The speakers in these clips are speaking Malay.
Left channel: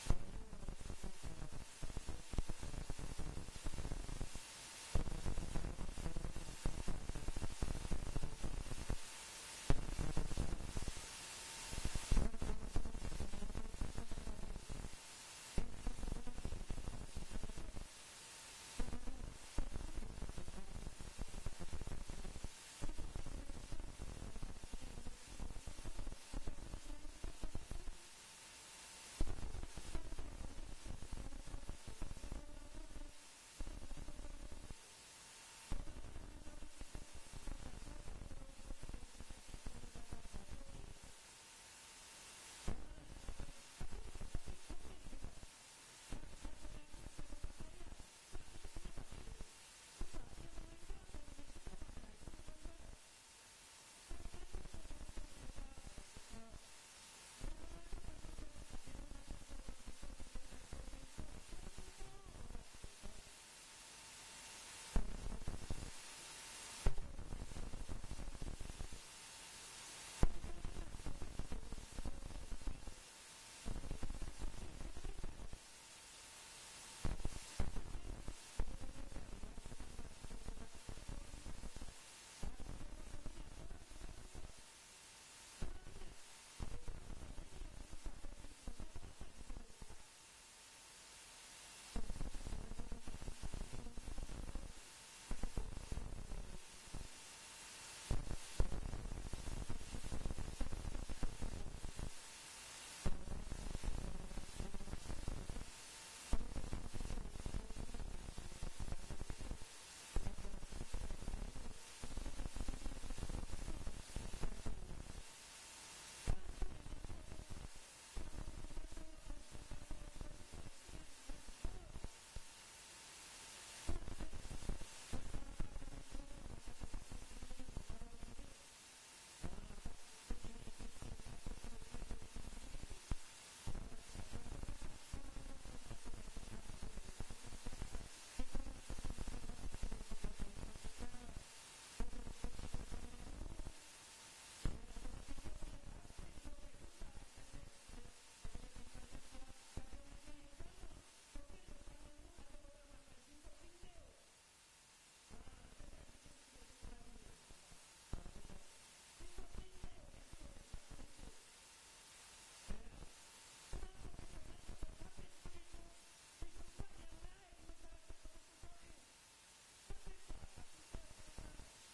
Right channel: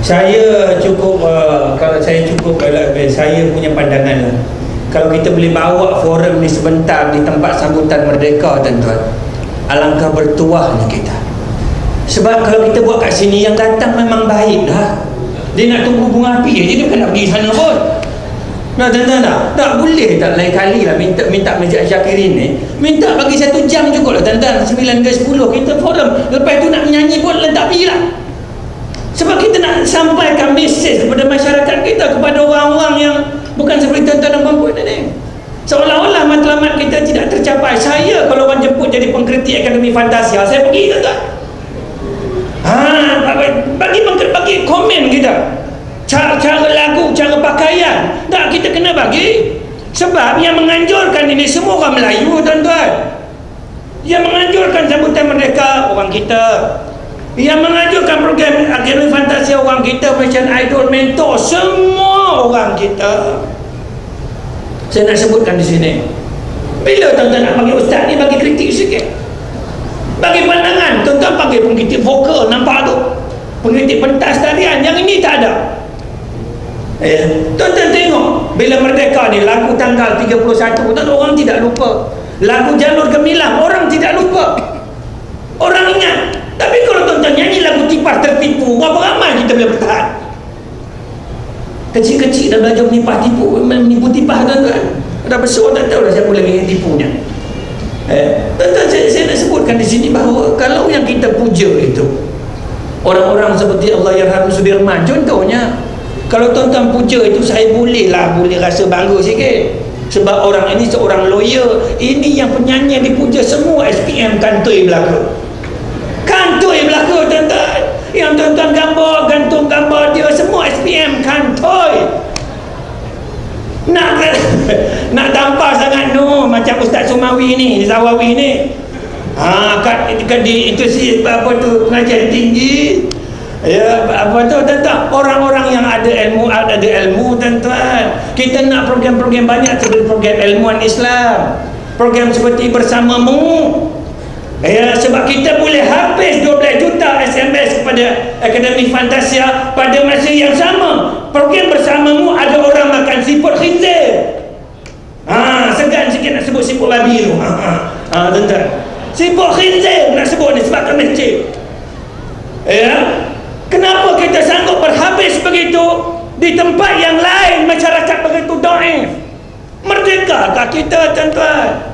Saya cukup kalau saya cukup saya punya pandangan lah. Kalau kita boleh bawa forum ni sebentar di tempat sambutan merdeka, tuan-tuan, alangkah bertuahnya kita. Sebab kalau kita buat kat sini, yang datang memang baik dah. Dia nak tunggu bunga api je, dia bukan nak pergi sana pun. Nah, tuan-tuan, tak boleh tak lain kali lah minta Masjid Syakirin ni, minta bagi 1 jam cukup lah, tuan-tuan. 9 ke 10 kita forum. Lepas tu nak menyanyi pun tak pergi lah. Sebab kita nak sampaikan mesej kepada masyarakat kita, kepada orang-orang yang bukan seperti tuan-tuan dan puan-puan ni. Seolah-olah matlamat kita tidak tercapai. Saya kalau orang jemput jadi pengkritik Akademi Fantasia, saya pergi, tuan-tuan. Bagi komen kita. Cara lagu, cara pakaian. Tak, kita kena bagi. Sebab yang menganjurkan ini semua orang Melayu, tuan-tuan. Yang menganjurkan sambutan merdeka orang kita. Yang mengajukan program Akademi Fantasia orang kita, Malaysian Idol, Mentor, semua orang kita. Saya nak sebutkan di sini. Bila tuan-tuan nak bagi ustaz ni, bagi kritik sikit, bagi pandangan. Tuan-tuan bagi pengkritik vokal, nampak tu, pengkritik pentas tarian. Yang ini tak ada. Tuan-tuan tengok, bila merdeka ni, lagu tanggal 31, tuan-tuan, orang tidak lupa. Lagu Jalur Gemilang, orang tidak lupa, orang ingat. Tapi kalau tuan-tuan nyanyi lagu Tipah Tertipu, berapa ramai kita boleh bertahan? Kecil-kecil dah belajar menipu tipah, tuan-tuan. Dah besar tak tahu dah siapa lagi yang tipunya. Tuan-tuan, saya nak sebutkan di sini bahawa kalau yang kita puja itu orang-orang seperti Allahyarham Sudirman contohnya, kalau tuan-tuan puja itu, saya boleh rasa bangga sikit. Sebab orang ini seorang lawyer. Ini yang penyanyi yang dipuja semua SPM kantoi belaka. Kantoi belaka, tuan-tuan. Yang tuan-tuan gantung gambar dia semua SPM kantoi. Nak tampar sangat macam Ustaz Sumawi ni, Zawawi ni. Itu si apa tu, pengajian tinggi. Ya, apa tu, tuan-tuan, orang-orang yang ada ilmu, tuan-tuan. Kita nak program-program banyak seperti program ilmuwan Islam, program seperti Bersamamu. Ya, sebab kita boleh habis 12 juta SMS kepada Akademi Fantasia pada masa yang sama. Program Bersamamu ada orang makan siput khinzir. Segan sikit nak sebut siput babi tu. Tuan-tuan, siput khinzir nak sebut ni sebab masjid. Ya, kenapa kita sanggup berhabis begitu di tempat yang lain masyarakat begitu dhaif? Merdekakah kita, tuan-tuan?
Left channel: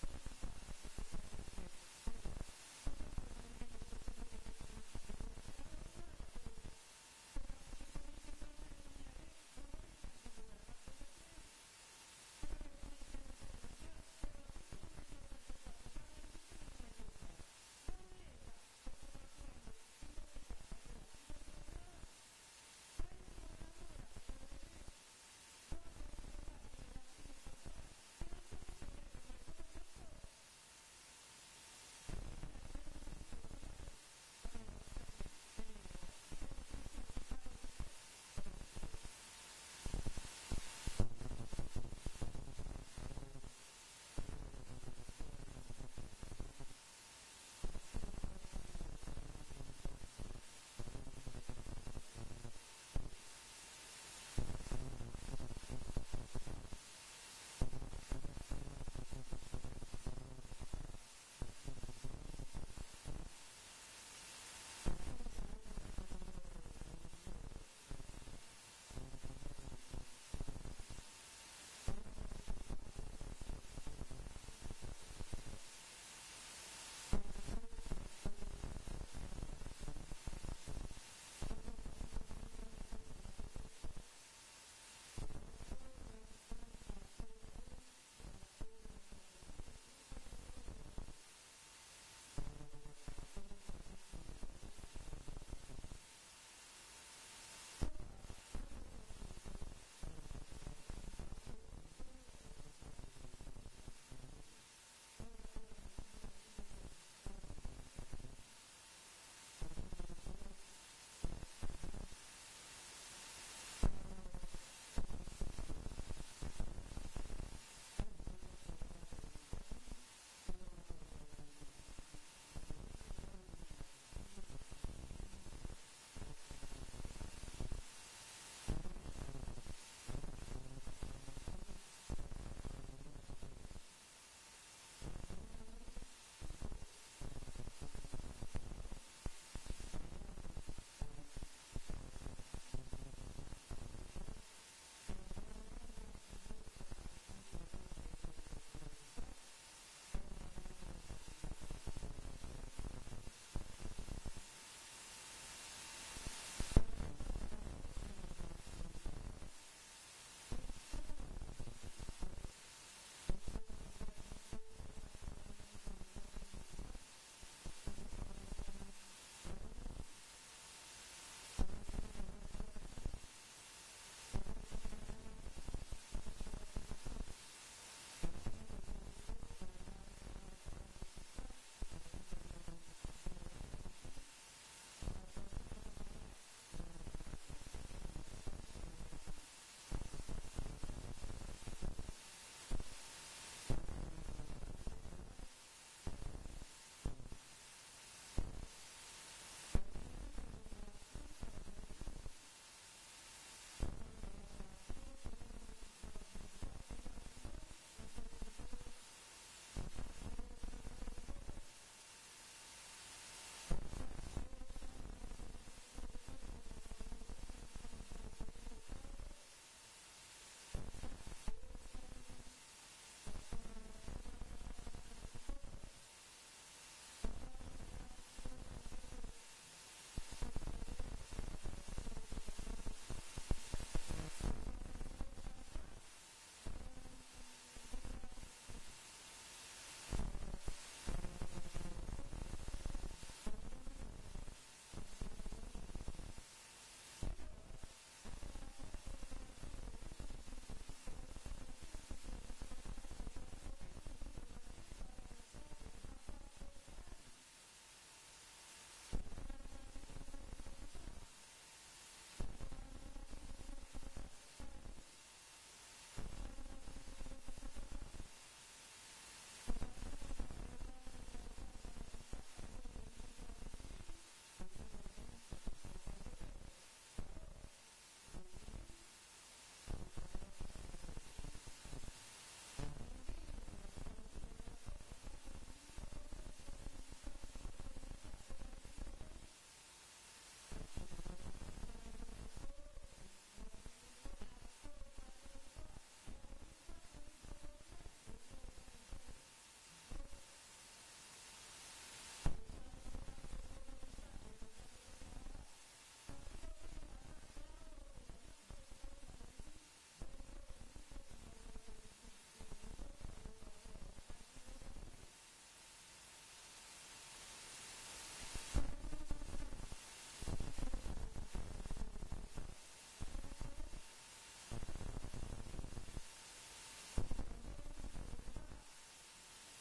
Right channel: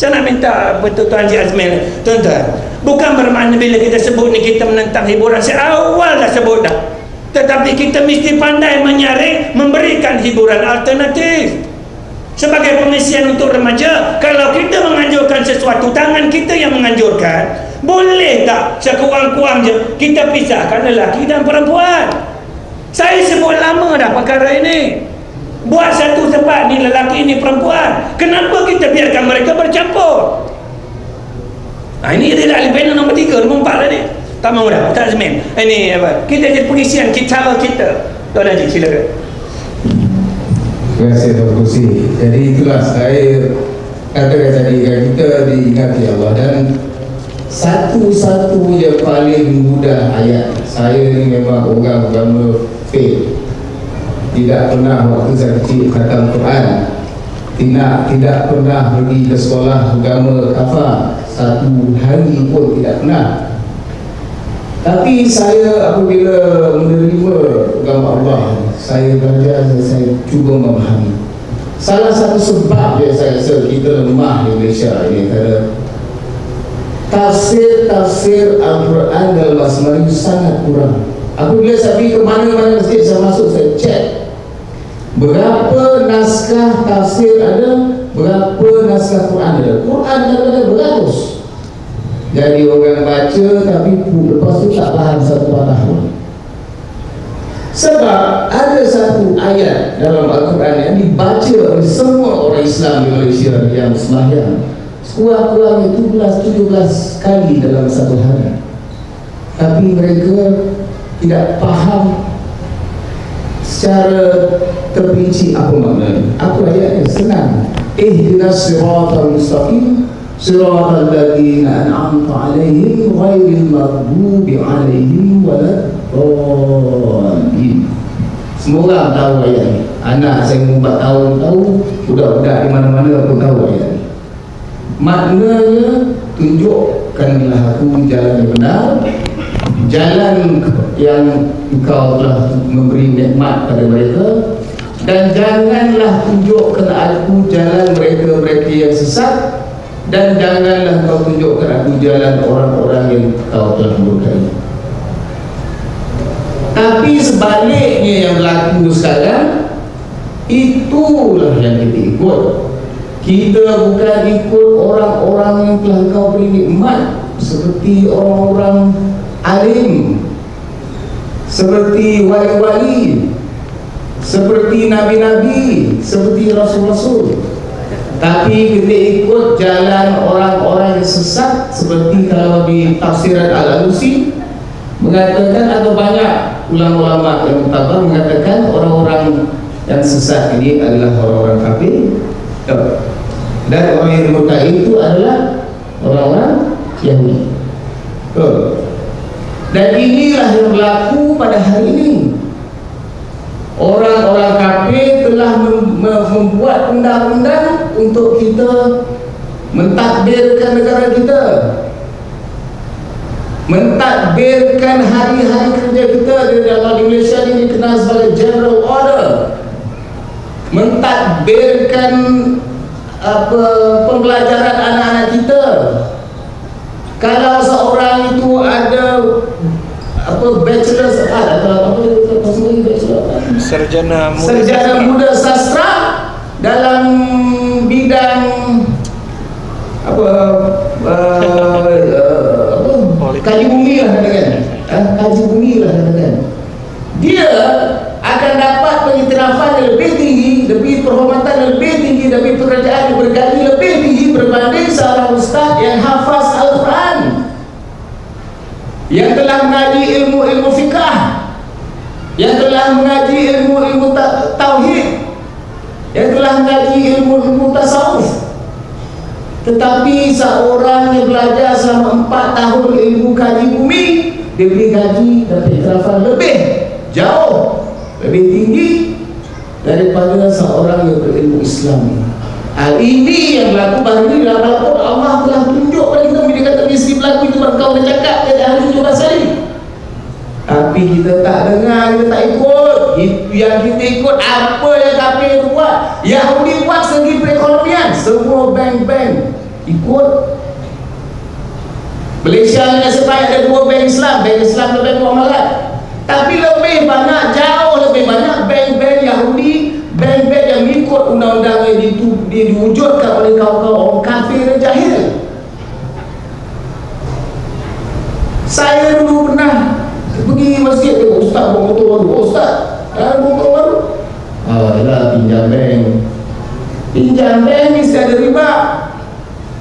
Saya nak minta Tuan Haji Azmil, tuan-tuan, bukan bermakna bila kita sebut ni kita menentang hiburan. Saya awal dah sebut dah. Tetapi kita mesti pandai menyaring, memberikan hiburan alternatif. Sebagai pengisian untuk remaja, kalau kita menganjurkan sesuatu, tangan kita yang menganjurkan, boleh tak sekurang-kurangnya kita pisahkan lelaki dan perempuan? Saya sebut lama dah perkara ini. Buat satu tempat ni lelaki ni perempuan. Kenapa kita biarkan mereka bercampur? Ini adalah ahli panel nombor 3, nombor 4 tadi. Tak mahu dah, tak Azmin. Ini apa? Kita jadi pengisian cara kita. Tuan Haji, silakan. Terima kasih Tuan Kursi. Jadi itulah saya katakan tadi, kita diingati Allah, dan satu-satu yang paling mudah ayat. Saya ni memang orang agama fail. Tidak pernah waktu saya kecil khatam Quran, tidak pernah pergi ke sekolah agama kafah, satu hari pun tidak pernah. Tapi saya apabila menerima agama Allah, saya belajar, saya cuba memahami. Salah satu sebab yang saya rasa kita lemah di Malaysia ini adalah tafsir Al-Quran dalam bahasa Melayu sangat kurang. Apabila saya pergi ke mana-mana masjid saya masuk, saya cek berapa naskah tafsir ada, berapa naskah Quran ada. Quran ada beratus. Jadi orang baca tapi lepas tu tak faham satu patah pun. Sebab ada satu ayat dalam Al-Quran yang dibaca oleh semua orang Islam di Malaysia yang sembahyang sekurang-kurangnya 17 kali dalam satu hari. Tapi mereka tidak faham secara terperinci apa maknanya. Apa ayatnya? Senang. Ihdinas siratal mustaqim siratal ladzina an'amta 'alaihim ghairil maghdubi 'alaihim waladdallin. orang tahu ayat ni. Anak saya 4 tahun tahu, budak-budak di mana-mana pun tahu ayat ni. Maknanya tunjukkanlah aku jalan yang benar, jalan yang engkau telah memberi nikmat pada mereka, dan janganlah tunjukkan aku jalan mereka-mereka yang sesat, dan janganlah kau tunjukkan aku jalan orang-orang yang kau telah murkai. Tapi sebaliknya yang berlaku sekarang, itulah yang kita ikut. Kita bukan ikut orang-orang yang telah kau beri nikmat, seperti orang-orang alim, seperti wali-wali, seperti nabi-nabi, seperti rasul-rasul. Tapi kita ikut jalan orang-orang yang sesat, seperti kalau di tafsiran Al-Alusi mengatakan, atau banyak ulama-ulama yang mutabar mengatakan orang-orang yang sesat ini adalah orang-orang kafir, dan orang yang murtad itu adalah orang-orang Yahudi. Dan inilah yang berlaku pada hari ini. Orang-orang kafir telah membuat undang-undang untuk kita mentadbirkan negara kita, mentadbirkan hari-hari kerja kita. Dalam Malaysia ini dikenal sebagai general order, mentadbirkan pembelajaran anak-anak kita. Kalau seorang itu ada bachelor atau sarjana muda sastra dalam bidang kaji bumi lah katakan, dia akan dapat pengiktirafan yang lebih tinggi, lebih penghormatan yang lebih tinggi, lebih pekerjaan yang bergaji lebih tinggi berbanding seorang ustaz yang hafaz Al-Quran, yang telah mengaji ilmu-ilmu fikah, yang telah mengaji ilmu-ilmu tauhid, yang telah mengaji ilmu-ilmu tasawuf. Tetapi seorang yang belajar selama 4 tahun ilmu kaji bumi, dia beri gaji dan pengiktirafan lebih jauh lebih tinggi daripada seorang yang berilmu Islam. Hal ini yang berlaku baru ini dalam Al-Quran. Allah telah tunjuk pada kita, bila kata mesti berlaku itu kau bercakap dari ahli 17 hari. Tapi kita tak dengar, kita tak ikut. Yang kita ikut apa yang kafir buat. Yahudi buat segi perekonomian, semua bank-bank ikut. Malaysia ni nasib baik ada 2 bank Islam, bank Islam dan bank muamalat. Tapi lebih banyak, jauh lebih banyak bank-bank Yahudi, bank-bank yang ikut undang-undang yang diwujudkan oleh kaum-kaum orang kafir dan jahil. Saya dulu pernah pergi masjid, tengok ustaz bawa motor baru. Ustaz, motor baru? Yalah, pinjam bank. Pinjam bank mesti ada riba.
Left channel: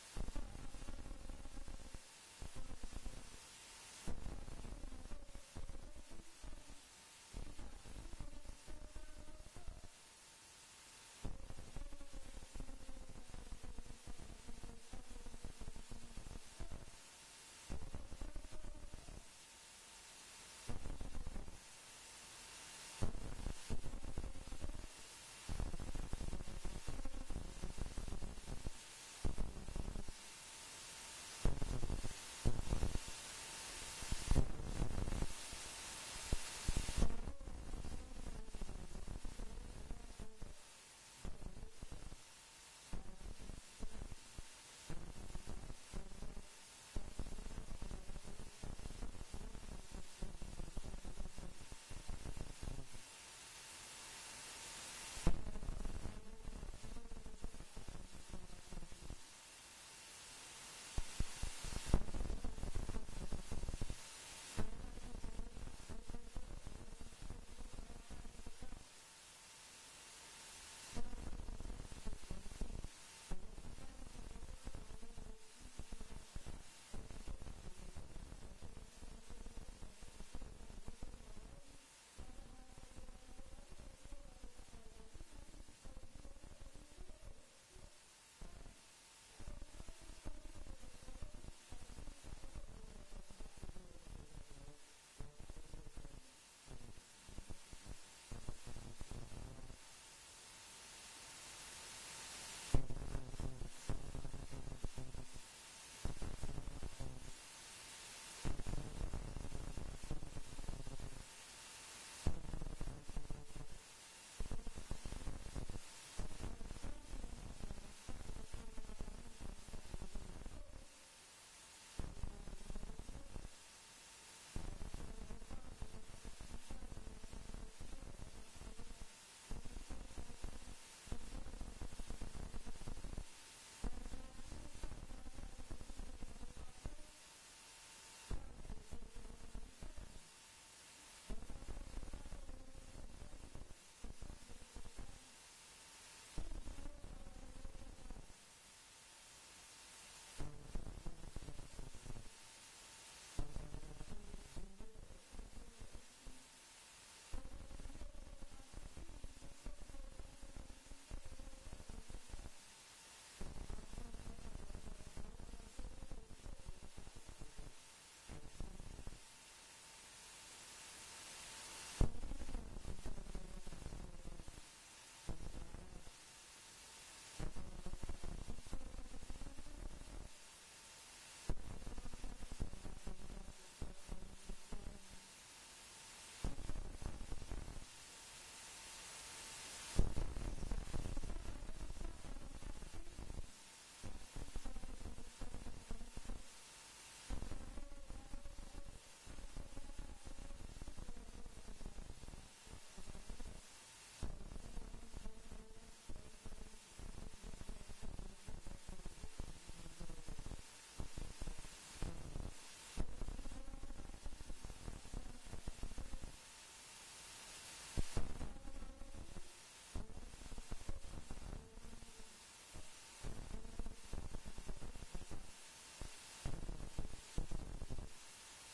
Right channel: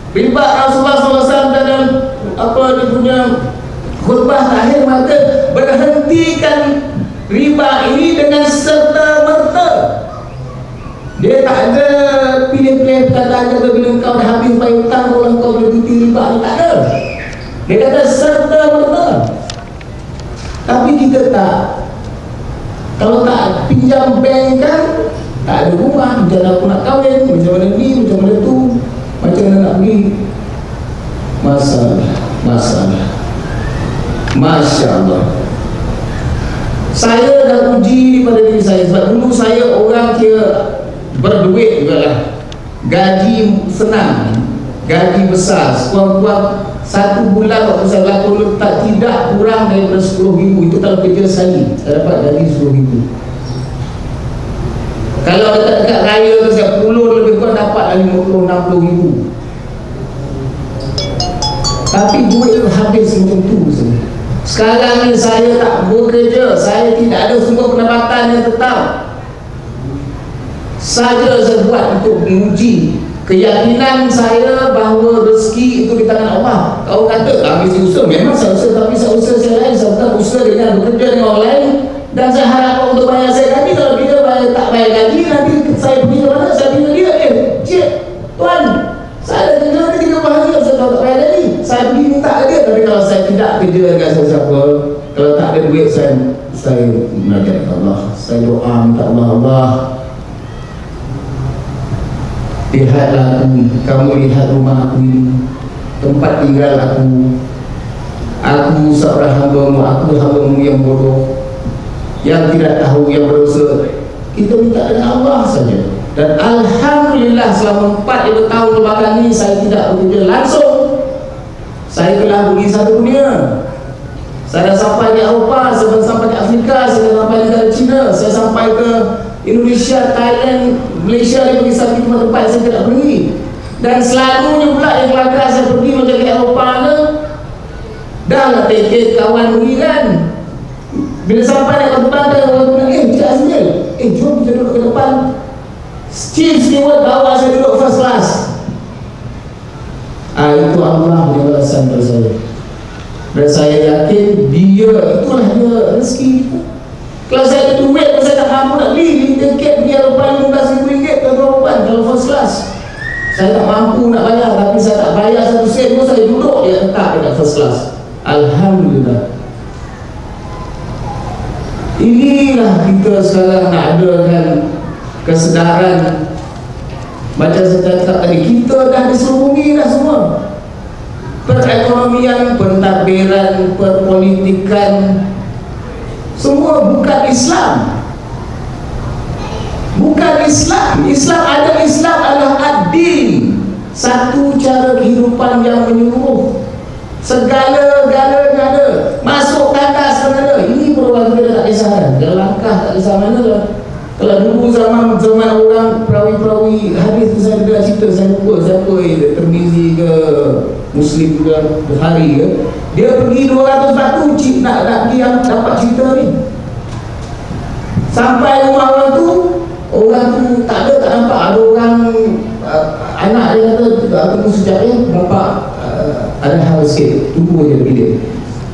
Riba Rasulullah SAW dalam dia punya khutbah terakhir maka berhentikan riba ini dengan serta-merta. Dia tak ada pilih-pilih kata-kata bila kau dah habis bayar hutang, kalau kau boleh berhenti riba, tak ada. Dia kata serta-merta. Tapi kita tak. Kalau tak pinjam bank kan, tak ada rumah, macam mana aku nak kahwin, macam mana ni, macam mana tu, macam mana nak pergi. Masalah. Masya Allah. Saya dah uji pada diri saya. Sebab dulu saya orang kira berduit juga lah. Gaji senang, gaji besar, sekurang-kurang 1 bulan waktu saya berlaku tidak kurang daripada 10,000. Itu kalau kerja sekali saya dapat gaji 10,000. Kalau dekat-dekat raya tu saya puluh lebih kurang dapat 50-60,000. Tapi duit tu habis macam tu saja. Sekarang ni saya tak bekerja, saya tidak ada sumber pendapatan yang tetap. Saja saya buat untuk menguji keyakinan saya bahawa rezeki itu di tangan Allah. Kau kata habis usaha, memang saya usaha, tapi saya usaha saya lain. Saya bukan usaha dengan bekerja dengan orang lain. Dan saya harap untuk bayar saya gaji. Kalau dia tak bayar gaji, nanti saya pergi ke mana? Saya pergi ke dia. Cik, tuan, saya ada kerja nanti 3 bahagia. Saya tak bayar gaji, saya pergi minta ke dia. Tapi kalau saya tidak kerja dengan siapa-siapa, kalau tak ada duit, saya menajat Allah, saya doa minta Allah, lihatlah aku, kamu lihat rumah aku ini, tempat tinggal aku seorang hamba-Mu, aku hamba-Mu yang bodoh, yang tidak tahu, yang berdosa. Kita minta dengan Allah saja. Dan alhamdulillah selama 45 tahun kebelakang ini saya tidak bekerja langsung. Saya telah pergi satu dunia. Saya dah sampai di Eropah, saya dah sampai di Afrika, saya dah sampai di negara China, saya sampai ke Indonesia, Thailand, Malaysia, dia pergi satu tempat saya tidak pergi. Dan selalunya pula yang kelakar saya pergi macam ke Eropah ke, dah lah tiket kawan pergi kan. Bila sampai nak terbang kan, orang bilang, Cik Azmil, jom kita duduk ke depan. Chief steward bawa saya duduk first class. Itu Allah yang balasan pada saya. Dan saya yakin itulah dia rezeki. Kalau saya ada duit, saya tak mampu nak beli tiket pergi Eropah RM15,000 ke Eropah kalau first class. Saya tak mampu nak bayar, tapi saya tak bayar satu sen pun saya duduk dia tetap dekat first class. Alhamdulillah. Inilah kita sekarang nak adakan kesedaran. Macam saya cakap tadi, kita dah diselubungi dah semua. Perekonomian, pentadbiran, perpolitikan, semua bukan Islam. Bukan Islam. Islam adalah ad-din, satu cara kehidupan yang menyeluruh. Segala-galanya ada. Masuk tandas pun ada. Ini perubahan kita tak kisah kan. Dia langkah tak kisah mana lah. Kalau dulu zaman orang perawi-perawi hadis tu saya dah cerita, saya lupa siapa Tirmizi ke Muslim ke Bukhari ke, dia pergi 200 batu nak pergi yang dapat cerita ni. Sampai rumah orang tu tak nampak. Ada orang anak dia kata aku sejak ni bapak ada hal sikit, tunggu je pergi dia.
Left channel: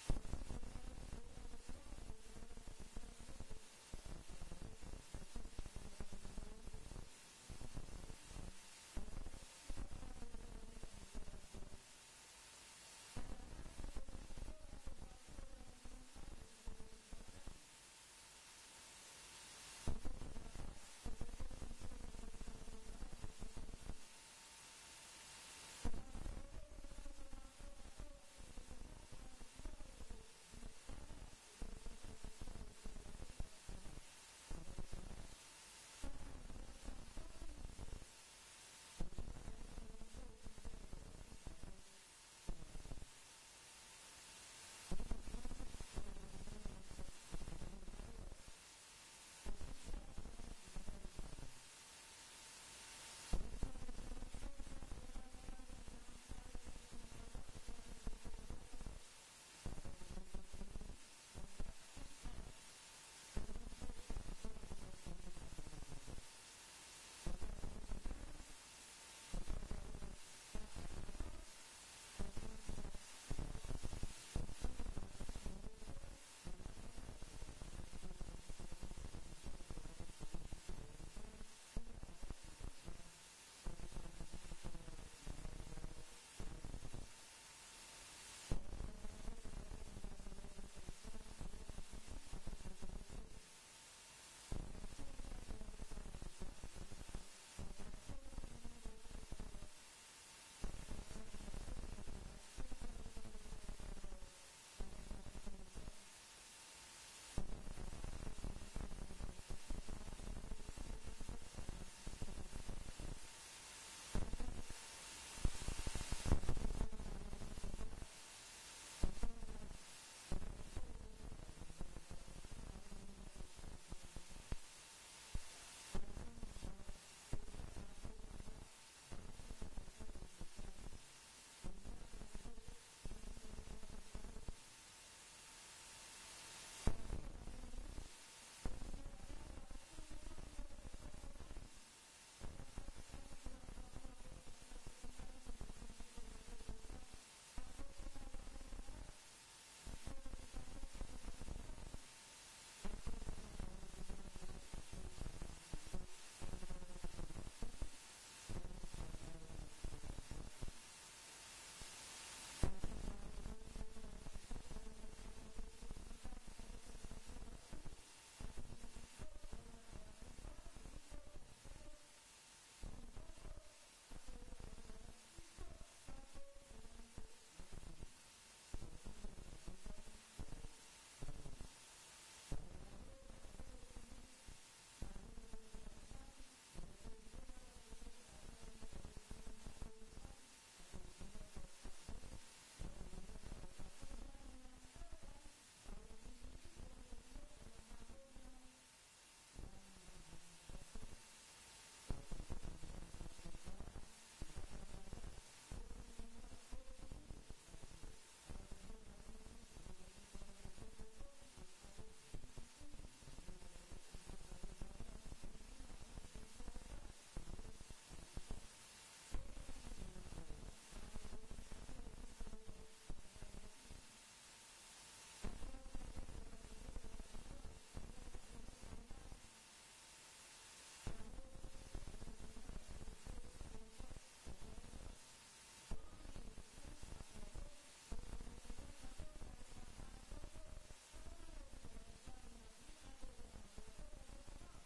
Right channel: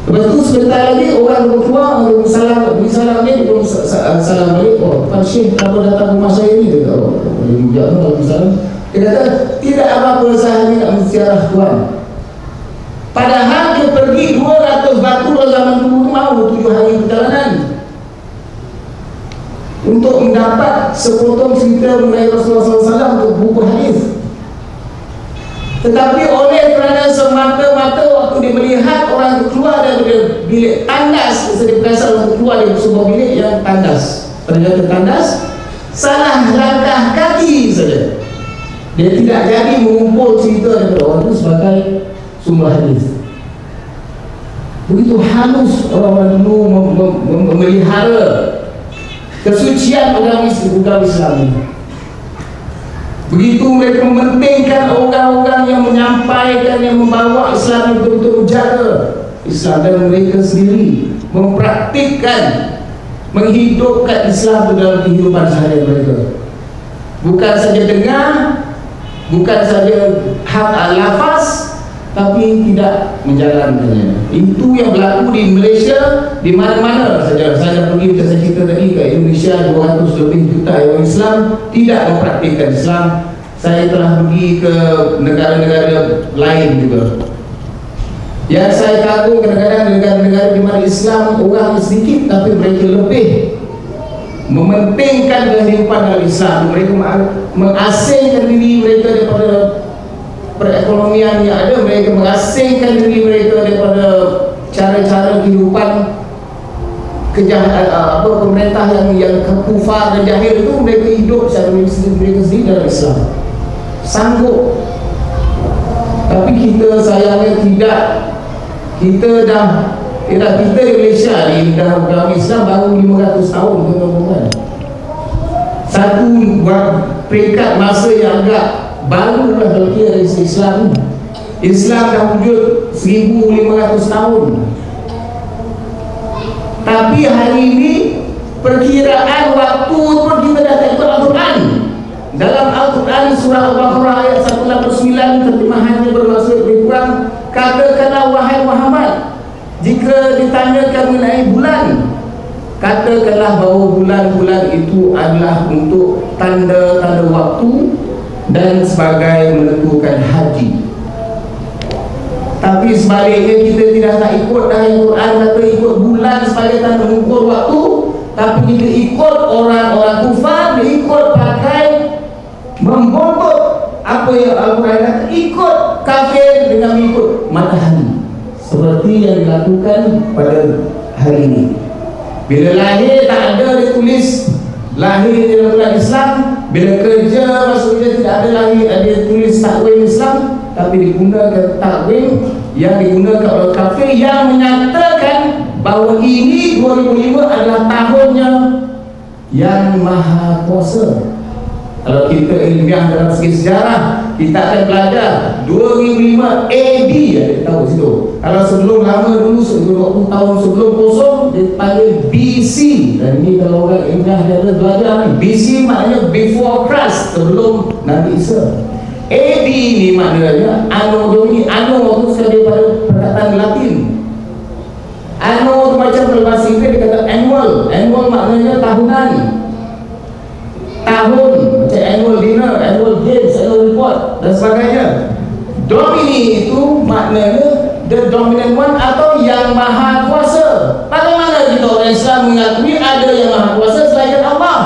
Lepas tu sebentar lagi orang keluar, beri salam ni, dia belum salam balik. Pak Syekh, kenapa datang rumah saya ni? Dia kata, dia mujak tu kalau salam. Dia kata, tidak apa-apa, saya ni nak menziarah Tuhan. Padahal dia pergi 200 batu dalam zaman dulu mau 7 hari perjalanan untuk mendapat sepotong cerita mengenai Rasulullah SAW untuk buku hadis. Tetapi oleh kerana semata-mata waktu dia melihat orang itu keluar dari bilik tandas, dia berasal untuk keluar dari sebuah bilik yang tandas, ternyata tandas, salah langkah kaki saja, dia tidak jadi mengumpul cerita daripada orang itu sebagai sumber hadis. Begitu halus orang-orang dulu memelihara kesucian agama Islam ini. Begitu mereka mementingkan orang-orang yang menyampaikan, yang membawa Islam itu untuk menjaga Islam, dan mereka sendiri mempraktikkan, menghidupkan Islam itu dalam kehidupan sehari mereka. Bukan saja dengar, bukan saja hak lafaz, tapi tidak menjalankannya. Itu yang berlaku di Malaysia, di mana-mana saja. Saya pergi, macam saya cerita tadi, ke Indonesia 200 lebih juta orang Islam tidak mempraktikkan Islam. Saya telah pergi ke negara-negara lain juga. Yang saya kagum kadang-kadang negara-negara di mana Islam orang sedikit, tapi mereka lebih mementingkan kehidupan dalam Islam. Mereka mengasingkan diri mereka daripada perekonomian yang ada, mereka mengasingkan diri mereka daripada cara-cara kehidupan pemerintah yang kufar dan jahil itu. Mereka hidup secara mereka sendiri dalam Islam, sanggup. Tapi kita sayangnya tidak. Kita di Malaysia ni dah agama Islam baru 500 tahun, tuan-tuan. Satu peringkat masa yang agak baru lah kalau kira dari Islam. Islam dah wujud 1500 tahun. Tapi hari ini perkiraan waktu pun kita dah tak ikut Al-Quran. Dalam Al-Quran surah Al-Baqarah ayat 189 terjemahannya bermaksud lebih kurang, katakanlah wahai Muhammad, jika ditanyakan mengenai bulan, katakanlah bahawa bulan-bulan itu adalah untuk tanda-tanda waktu dan sebagai menentukan haji. Tapi sebaliknya kita tidak nak ikut dah yang Quran kata ikut bulan supaya sebagai tanda mengukur waktu, tapi kita ikut orang-orang kufar, dia ikut pakai membontot apa yang Al-Quran kata, ikut kafir dengan mengikut matahari, seperti yang dilakukan pada hari ini. Bila lahir tak ada dia tulis lahir dalam bulan Islam, bila kerja masuk kerja tidak ada lahir dia tulis takwin Islam, tapi digunakan takwin yang digunakan oleh kafir yang menyatakan bahawa ini 2005 adalah tahunnya yang maha kuasa. Kalau kita ilmiah dalam segi sejarah, kita akan belajar 2005 AD, ada tahu situ. Kalau sebelum lama dulu, 20 tahun sebelum kosong, dia panggil BC. Dan ini kalau orang ilmiah dia ada belajar ni, BC maknanya before Christ, sebelum Nabi Isa. AD ni maknanya Anno Domini. Anno itu sekali daripada perkataan Latin. Anno itu macam dalam bahasa Inggeris dia kata annual. Annual maknanya tahunan, tahun, macam annual dinner, annual games, annual report dan sebagainya. Domini itu maknanya the dominant one atau yang maha kuasa. Bagaimana kita orang Islam mengakui ada yang maha kuasa selain Allah?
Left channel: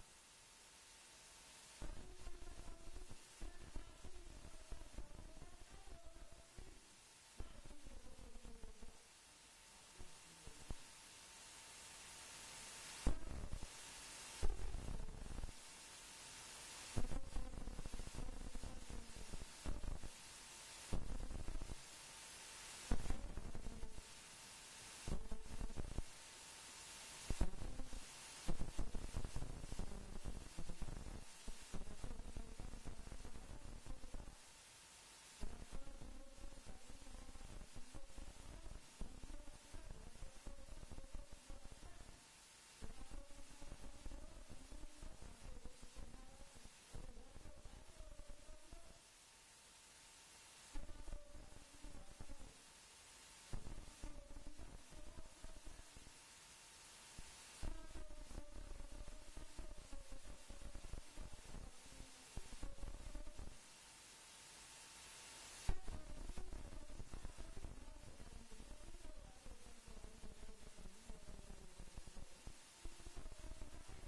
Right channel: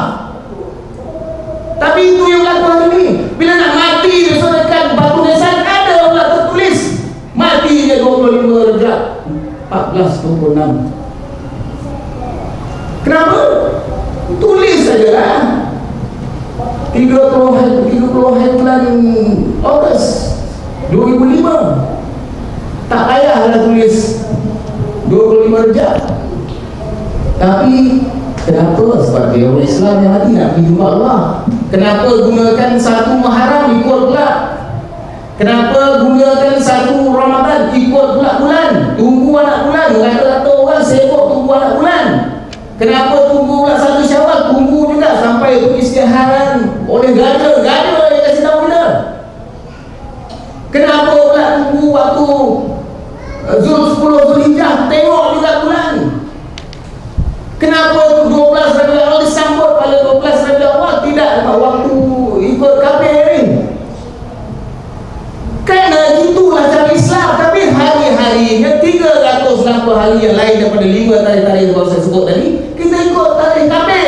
Tapi itu yang berlaku hari ini. Bila nak mati dia dekat batu nisan, ada pula tertulis mati dia 25 Rejab 1426. Kenapa? Tulis sajalah 30 hari bulan Ogos 2005. Tak payahlah tulis 25 Rejab. Tapi kenapa? Sebab dia orang Islam yang mati nak pergi jumpa Allah. Kenapa gunakan satu Muharram ikut pula? Kenapa gunakan satu Ramadan ikut pula bulan? Tunggu anak bulan. Kata-kata orang sibuk tunggu anak bulan. Kenapa tunggu pula satu Syawal? Tunggu juga sampai peristiharan oleh gada yang kasih tahu kita. Kenapa pula tunggu waktu 10 Zulhijjah? Tengok juga bulan. Kenapa 12 Rabiul Awal disambut pada 12 Rabiul Awal, tidak waktu ikut kafir ni? Kerana itulah cara Islam. Tapi hari-harinya 360 hari yang lain daripada 5 tarikh-tarikh yang saya sebut tadi, kita ikut tarikh kafir.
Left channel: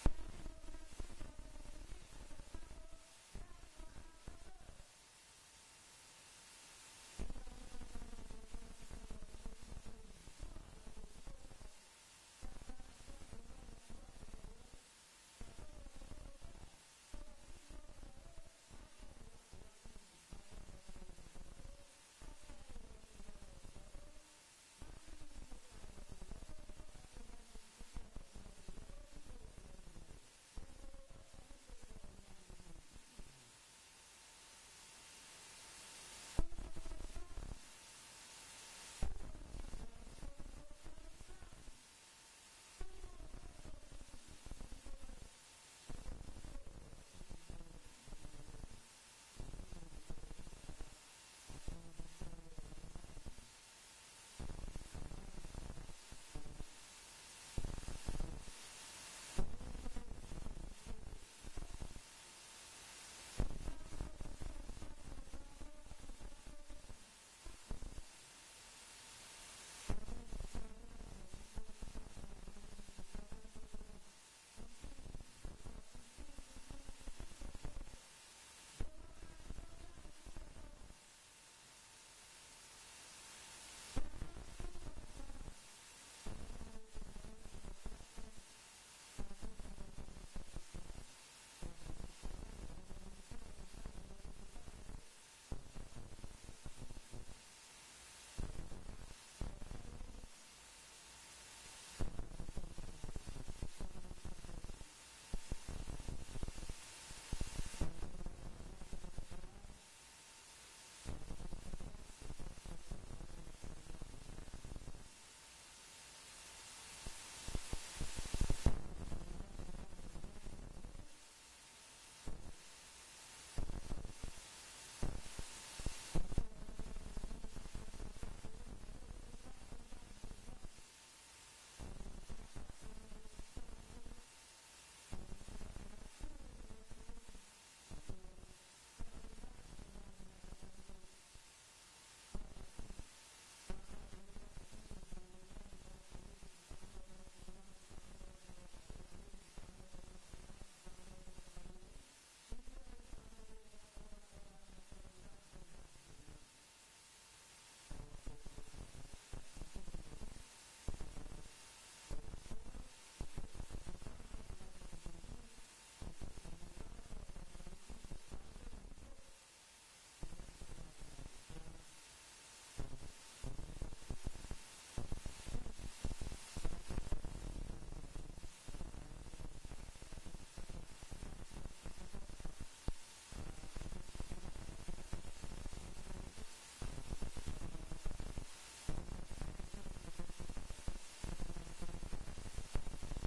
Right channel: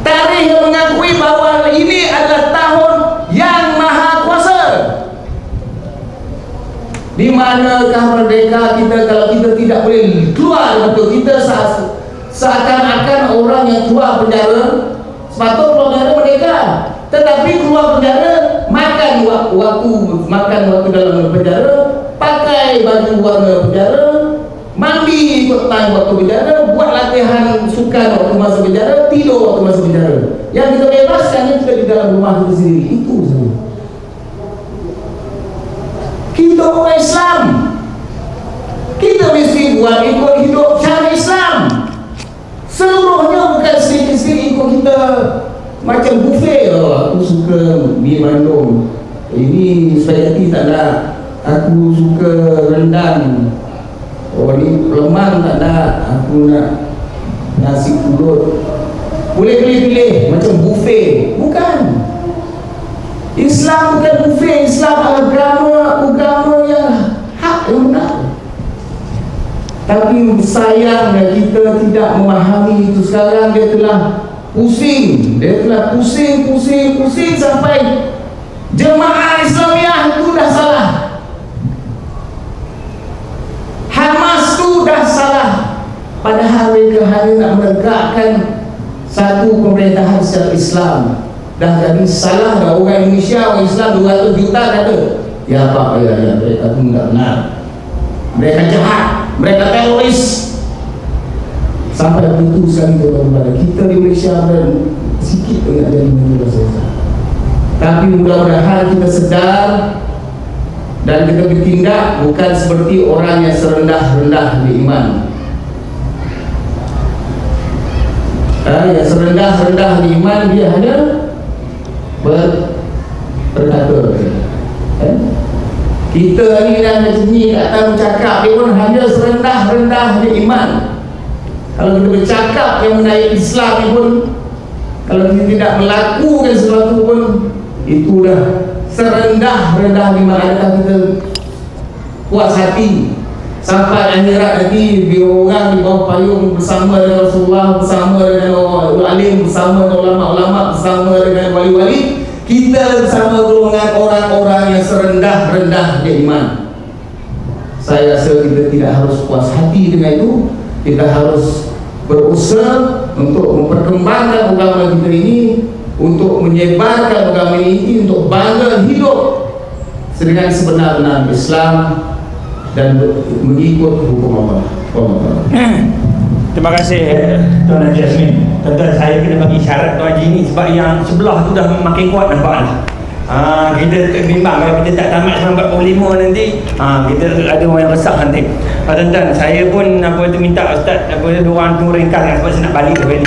Tarikh yang mengakui bahawa ini adalah tahun yang maha kuasa. Di manakah merdeka kita kalau kita tidak boleh keluar betul? Kita seakan-akan orang yang keluar penjara, sepatutnya keluar penjara merdeka, tetapi keluar penjara makan waktu dalam penjara, pakai baju warna penjara, mandi ikut time waktu penjara, buat latihan sukan waktu masa penjara, tidur waktu masa penjara. Yang kita bebaskan kita di dalam rumah kita sendiri. Itu saja. Kita orang Islam, kita mesti buat ikut hidup cara Islam. Seluruhnya bukan sedikit-sedikit ikut kita macam buffet. Aku suka mie bandung, ini spaghetti tak nak. Aku suka rendang, ni lemang tak nak. Aku nak nasi pulut. Boleh pilih-pilih macam buffet. Bukan. Islam bukan buffet. Islam agama yang hak, yang benar. Tapi sayangnya kita tidak memahami itu. Sekarang dia telah pusing. Dia telah pusing sampai jemaah Islamiah itu dah salah. Hamas itu dah salah. Padahal mereka hanya nak menegakkan satu pemerintahan secara Islam. Dah jadi salah dah. Orang Indonesia, orang Islam 200 juta kata, ya Pak, ya mereka itu tidak benar, mereka jahat, mereka teroris. Sampai begitu sekali kepada kita di Malaysia dan sikit dengan jadi manusia. Tapi mudah-mudahan kita sedar dan kita bertindak bukan seperti orang yang serendah-rendah di iman. Yang serendah-rendah di iman dia hanya berkata. Kita ni dah macam ni tak tahu cakap, dia pun hanya serendah-rendah di iman. Kalau kita bercakap yang menaik Islam ni pun, kalau kita tidak melakukan sesuatu pun, itulah serendah-rendah di iman. Adakah kita puas hati Sampai akhirat nanti biar orang di bawah payung bersama dengan Rasulullah, bersama dengan alim, bersama dengan ulama-ulama, bersama dengan wali-wali. Kita bersama golongan orang-orang yang serendah-rendahnya iman. Saya rasa kita tidak harus puas hati dengan itu. Kita harus berusaha untuk memperkembangkan agama kita ini, untuk menyebarkan agama ini, untuk bangga hidup dengan sebenar-benar Islam dan mengikut hukum Allah. Terima kasih Tuan Haji Azmin. Tuan-tuan, saya kena bagi syarat Tuan Haji ni sebab yang sebelah tu dah makin kuat nampaklah. Kita bimbang kalau kita tak tamat 45 nanti kita ada orang yang resah nanti. Tuan-tuan, saya pun minta Ustaz diorang tu ringkas sebab saya nak balik ke ni.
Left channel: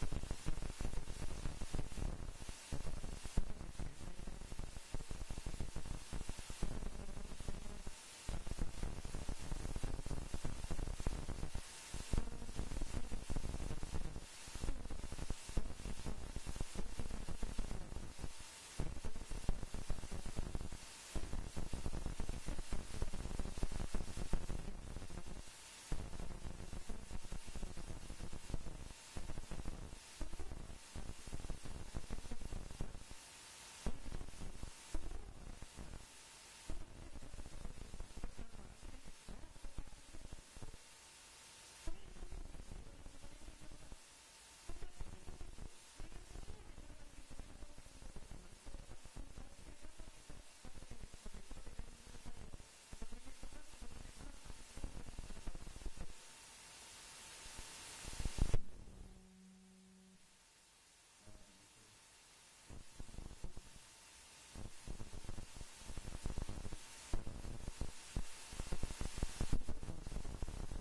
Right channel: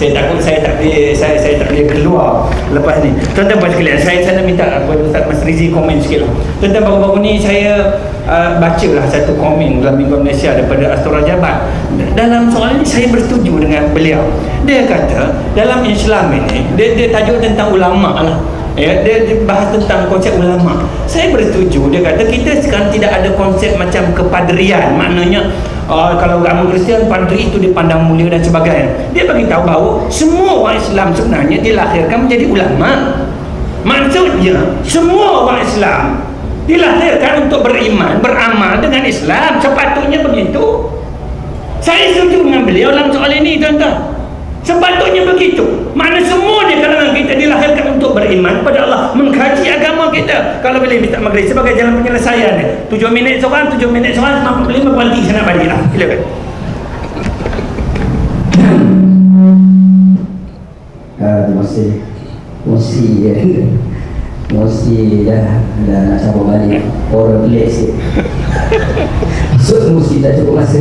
Saya takut saya tak boleh keluar lepas ni. Tuan-tuan buat sekalian, saya nak minta Ustaz Mas Rizie komen sikit lah. Tuan-tuan, baru-baru ni saya bacalah satu komen dalam Minggu Malaysia daripada Astor Rajabat. Dalam soal ini saya bersetuju dengan beliau. Dia kata dalam Islam ini dia tajuk tentang ulama lah. Ya, dia bahas tentang konsep ulama. Saya bersetuju. Dia kata kita sekarang tidak ada konsep macam kepadrian. Maknanya kalau agama Kristian, padri itu dipandang mulia dan sebagainya. Dia bagi tahu bahawa semua orang Islam sebenarnya dilahirkan menjadi ulama. Maksudnya semua orang Islam dilahirkan untuk beriman, beramal dengan Islam. Sepatutnya begitu. Saya setuju dengan beliau dalam soal ini, tuan-tuan. Sepatutnya begitu. Mana semua di kalangan kita dilahirkan untuk beriman pada Allah, mengkaji agama kita. Kalau boleh minta maghrib sebagai jalan penyelesaian dia. 7 minit seorang, 7 minit seorang, 55 berhenti, saya nak balik lah. Silakan. Terima kasih. Mosi dah nak sambung balik. Orang pelik sikit. Maksud Mosi tak cukup masa.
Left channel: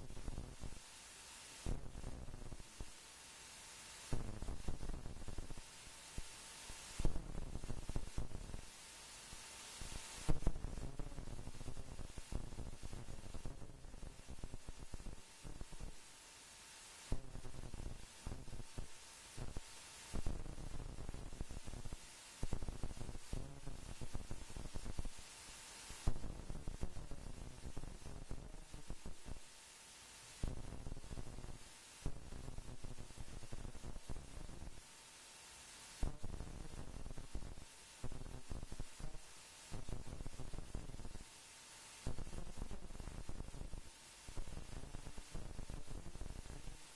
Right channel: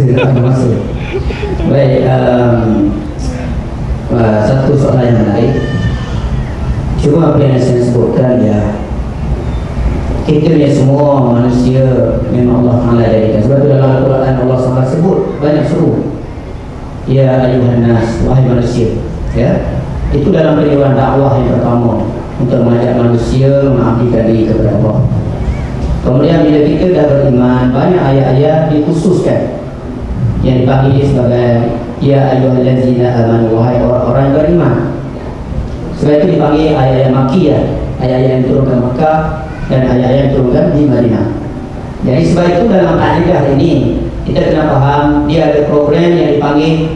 Baik, satu soalan yang menarik. Cuma apa yang saya sebutkan ya, kita ni semua manusia memang Allah Taala jadikan. Sebab itu dalam Al-Quran Allah SWT sebut banyak seru. Ya ayuhan nas, wahai manusia. Ya, itu dalam periwaan dakwah yang pertama untuk mengajak manusia mengabdikan diri kepada Allah. Kemudian bila kita dah beriman, banyak ayat-ayat dikhususkan yang dipanggil sebagai ya ayyuhallazina amanu, wahai orang-orang yang beriman. Sebab itu dipanggil ayat-ayat Makkiyah, ayat-ayat yang turunkan Makkah dan ayat-ayat yang turunkan di Madinah. Jadi sebab itu dalam akidah ini kita kena faham dia ada program yang dipanggil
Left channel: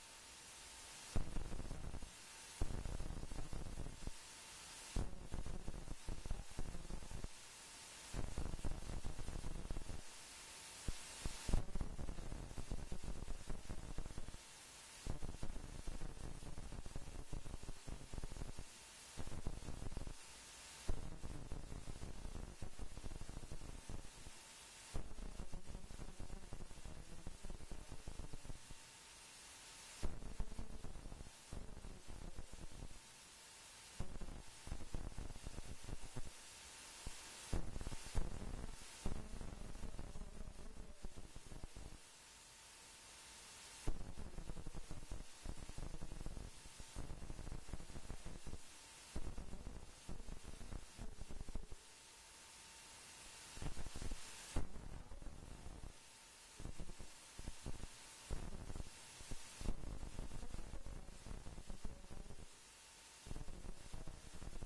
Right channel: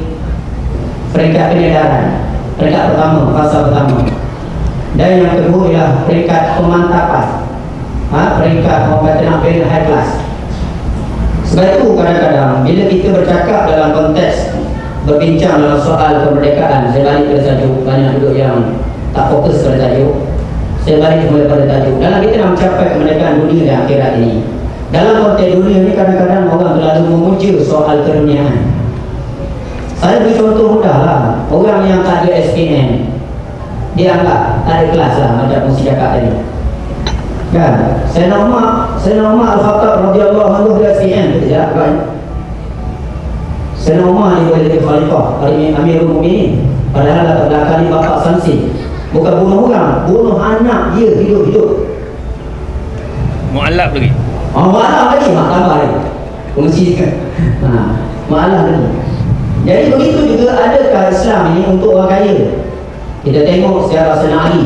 peringkat penyedaran. Peringkat pertama, fasa pertama. Dan yang kedua ialah peringkat pemantapan. Peringkat orang kata nak beri high class. Sebab itu kadang-kadang bila kita bercakap dalam konteks berbincang dalam soal kemerdekaan, saya balik pada tajuk, banyak duduk yang tak fokus pada tajuk. Saya balik kepada tajuk. Dalam kita nak mencapai kemerdekaan dunia dan akhirat ini, dalam konteks dunia ini kadang-kadang orang terlalu memuja soal keduniaan. Saya beri contoh mudah lah. Orang yang tak ada SPM, dia anggap tak ada kelas lah, macam Musi cakap tadi. Kan? Sayyidina Umar Al-Khattab radhiyallahu anhu dia SPM, betul tak kan? Sayyidina Umar ni boleh jadi khalifah, Amirul Mukminin. Padahal latar belakang ni bapa Sansi. Bukan bunuh orang, bunuh anak dia hidup-hidup. Mu'allab lagi. Mu'allab lagi, tambah lagi. Fungsi kan. Mu'allab lagi. Jadi begitu juga adakah Islam ini untuk orang kaya? Kita tengok sejarah Sayyidina Ali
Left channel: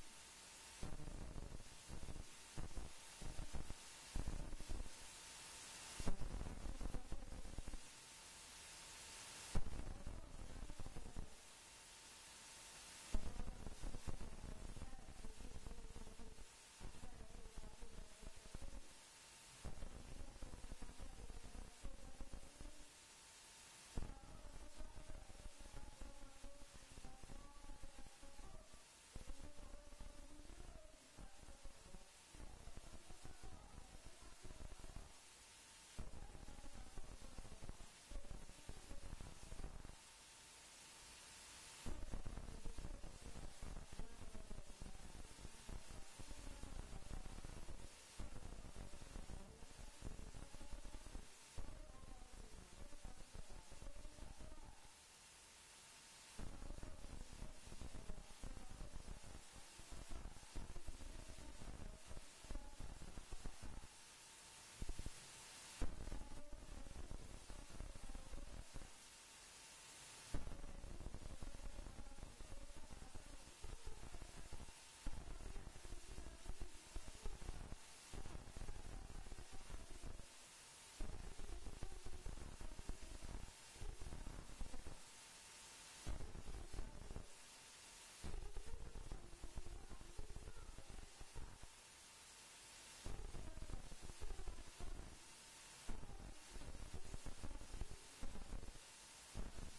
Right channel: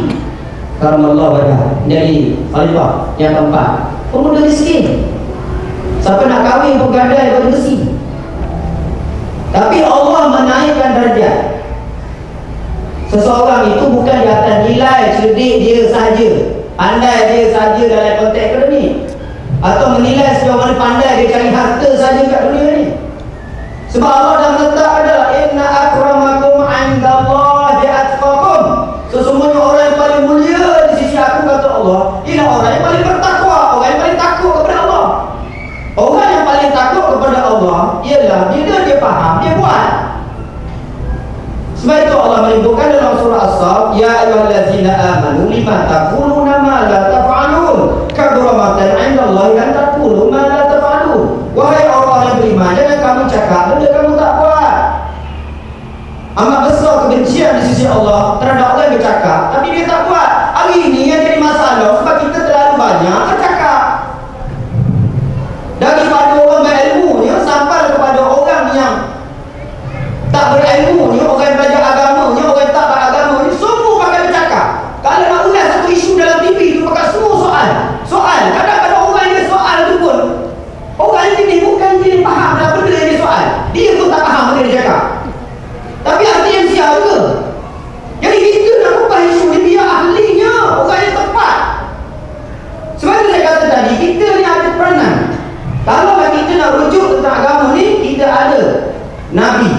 karamallahu wajhah jadi khalifah yang keempat. Pemuda miskin. Siapa nak kahwin pun gadai baju besi. Tapi Allah menaikkan darjat. Seseorang itu bukan di atas nilai cerdik dia sahaja, pandai dia sahaja dalam konteks akademik, atau menilai sejauh mana pandai dia cari harta sahaja kat dunia ni. Sebab Allah dah letak ada inna akramakum 'indallahi atqakum. Sesungguhnya orang yang paling mulia di sisi aku, kata Allah, ialah orang yang paling bertakwa, orang yang paling takut kepada Allah. Orang yang paling takut kepada Allah ialah bila dia faham, dia buat. Sebab itu Allah menyebutkan dalam surah As-Saff, ya ayyuhallazina amanu lima taquluna ma la taf'alun, kabura maqtan 'indallahi an taqulu ma la taf'alun. Wahai orang yang beriman, jangan kamu cakap benda kamu tak buat. Amat besar kebencian di sisi Allah terhadap orang yang bercakap tapi dia tak buat. Hari ini yang jadi masalah sebab kita terlalu banyak bercakap. Daripada orang berilmu Kalau kita nak rujuk tentang agama ni, kita ada Nabi.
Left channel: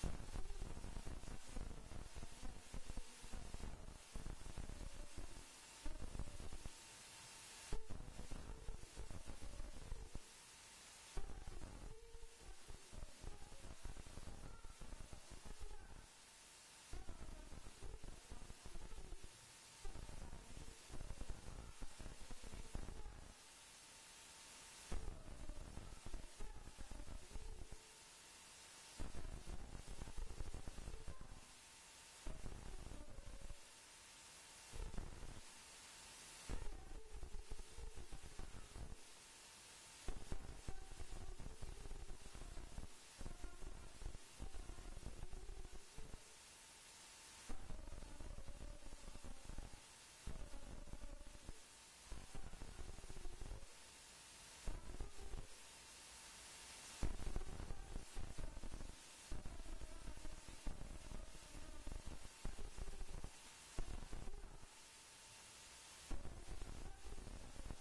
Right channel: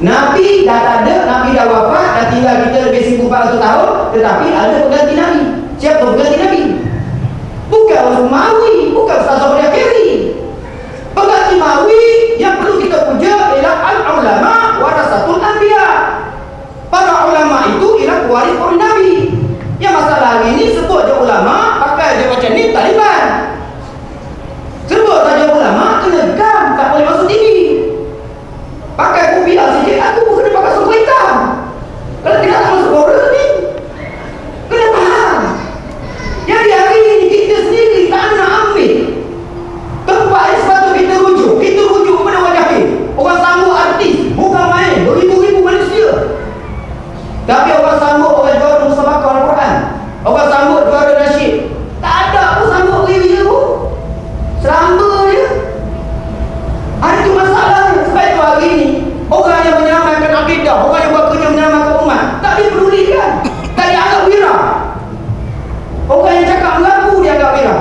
Nabi dah tak ada, Nabi dah wafat, dah tinggal kita lebih 1400 tahun, tetapi ada pengganti Nabi. Siapa pengganti Nabi? Bukan Umawi, bukan Ustaz Abdul Kiri. Pengganti Umawi yang perlu kita puja ialah al-ulama warasatul anbiya. Para ulama itu ialah pewaris para Nabi. Yang masalah hari ini sebut je ulama, pakai je macam ni Taliban. Sebut saja ulama, kena gam, tak boleh masuk TV. Pakai kopiah sikit, aku kena pakai suku hitam. Kalau tidak tak masuk border ni, kena faham. Jadi hari ini kita sendiri tak nak ambil tempat yang sepatutnya kita rujuk. Kita rujuk kepada orang jahil. Orang sambut artis, bukan main, beribu-ribu manusia. Tapi orang sambut orang juara musabakah Al-Quran, orang sambut juara nasyid. Tak ada pun sambut beribu pun. Selamba je. Itu masalahnya. Sebab itu hari ini orang yang menyelamatkan akidah, orang yang buat kerja menyelamatkan umat, tak dipedulikan, tak dianggap wira. Orang yang cakap mengaku dia anggap wira.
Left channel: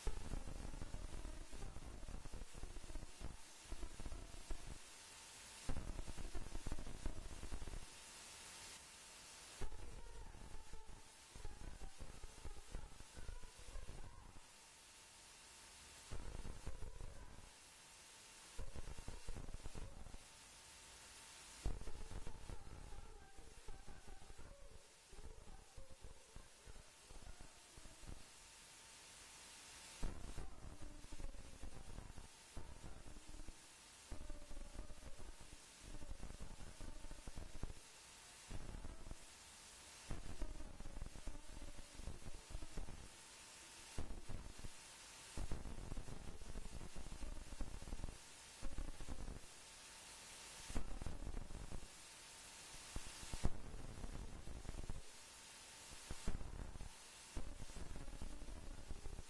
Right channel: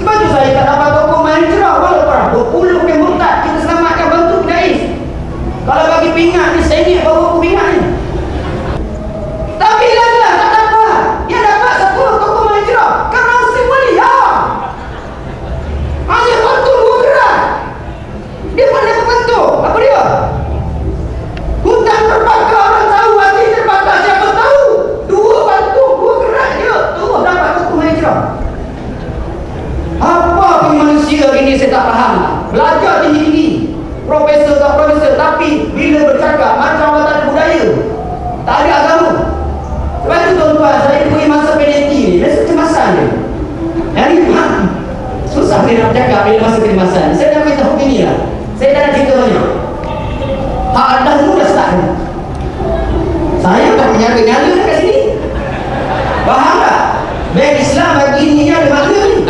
Sebab itu saya tak dapat tokoh main cerah walaupun berpuluh ke murtad kita selamatkan bantu Dais. Kalau bagi pingat ni sengit baru aku pingat ni. Tapi lah tak dapat. Yang dapat satu tokoh main cerah kerana si mulia. Hanya bantu dua gerak. Dia pandai membantu. Apa dia? Hutan terbakar, orang tahu, hati terbakar, siapa tahu. Dua bantu, dua gerak dia. Terus dapat tokoh main cerah. Apa pun manusia ini saya tak faham. Belajar tinggi-tinggi, profesor tak profesor, tapi bila bercakap macam orang tak ada budaya, tak ada agama. Sebab itu tuan-tuan, saya beri masa penalti ni, rasa kecemasan dia. Jadi susah dia nak cakap bila masa kecemasan. Saya nak beritahu begini lah, saya dah nak cerita banyak. Hak anda semua dah start. Saya tak menyala-nyala kat sini. Faham tak? Bank Islam bagi ni ada makna ni.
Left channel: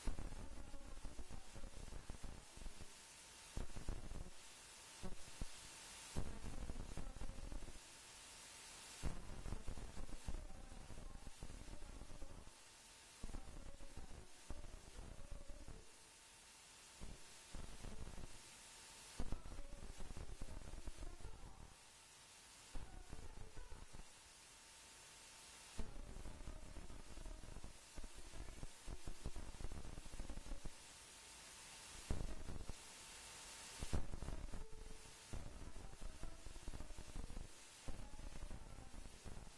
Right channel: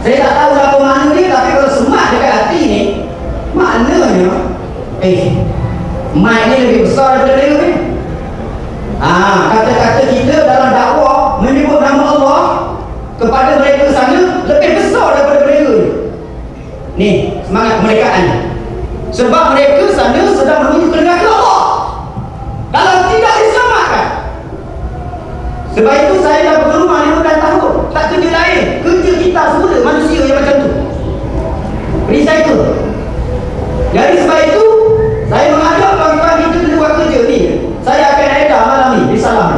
Saya tak tahu apa makna dia, tapi kalau semak dekat hati ni, maknanya mic ni lebih besar daripada dia ni. Kata-kata kita dalam dakwah menyebut nama Allah kepada mereka sana lebih besar daripada mereka ni. Ni semangat kemerdekaan. Sebab mereka sana sedang menuju ke negara Allah. Kalau tidak diselamatkan. Sebab itu saya dah berumah 15 tahun, tak kerja lain. Kerja kita semula manusia yang macam tu. Recycle. Jadi sebab itu saya mengajak tuan-tuan kita kena buat kerja ni. Saya akan edar malam ni di Salam.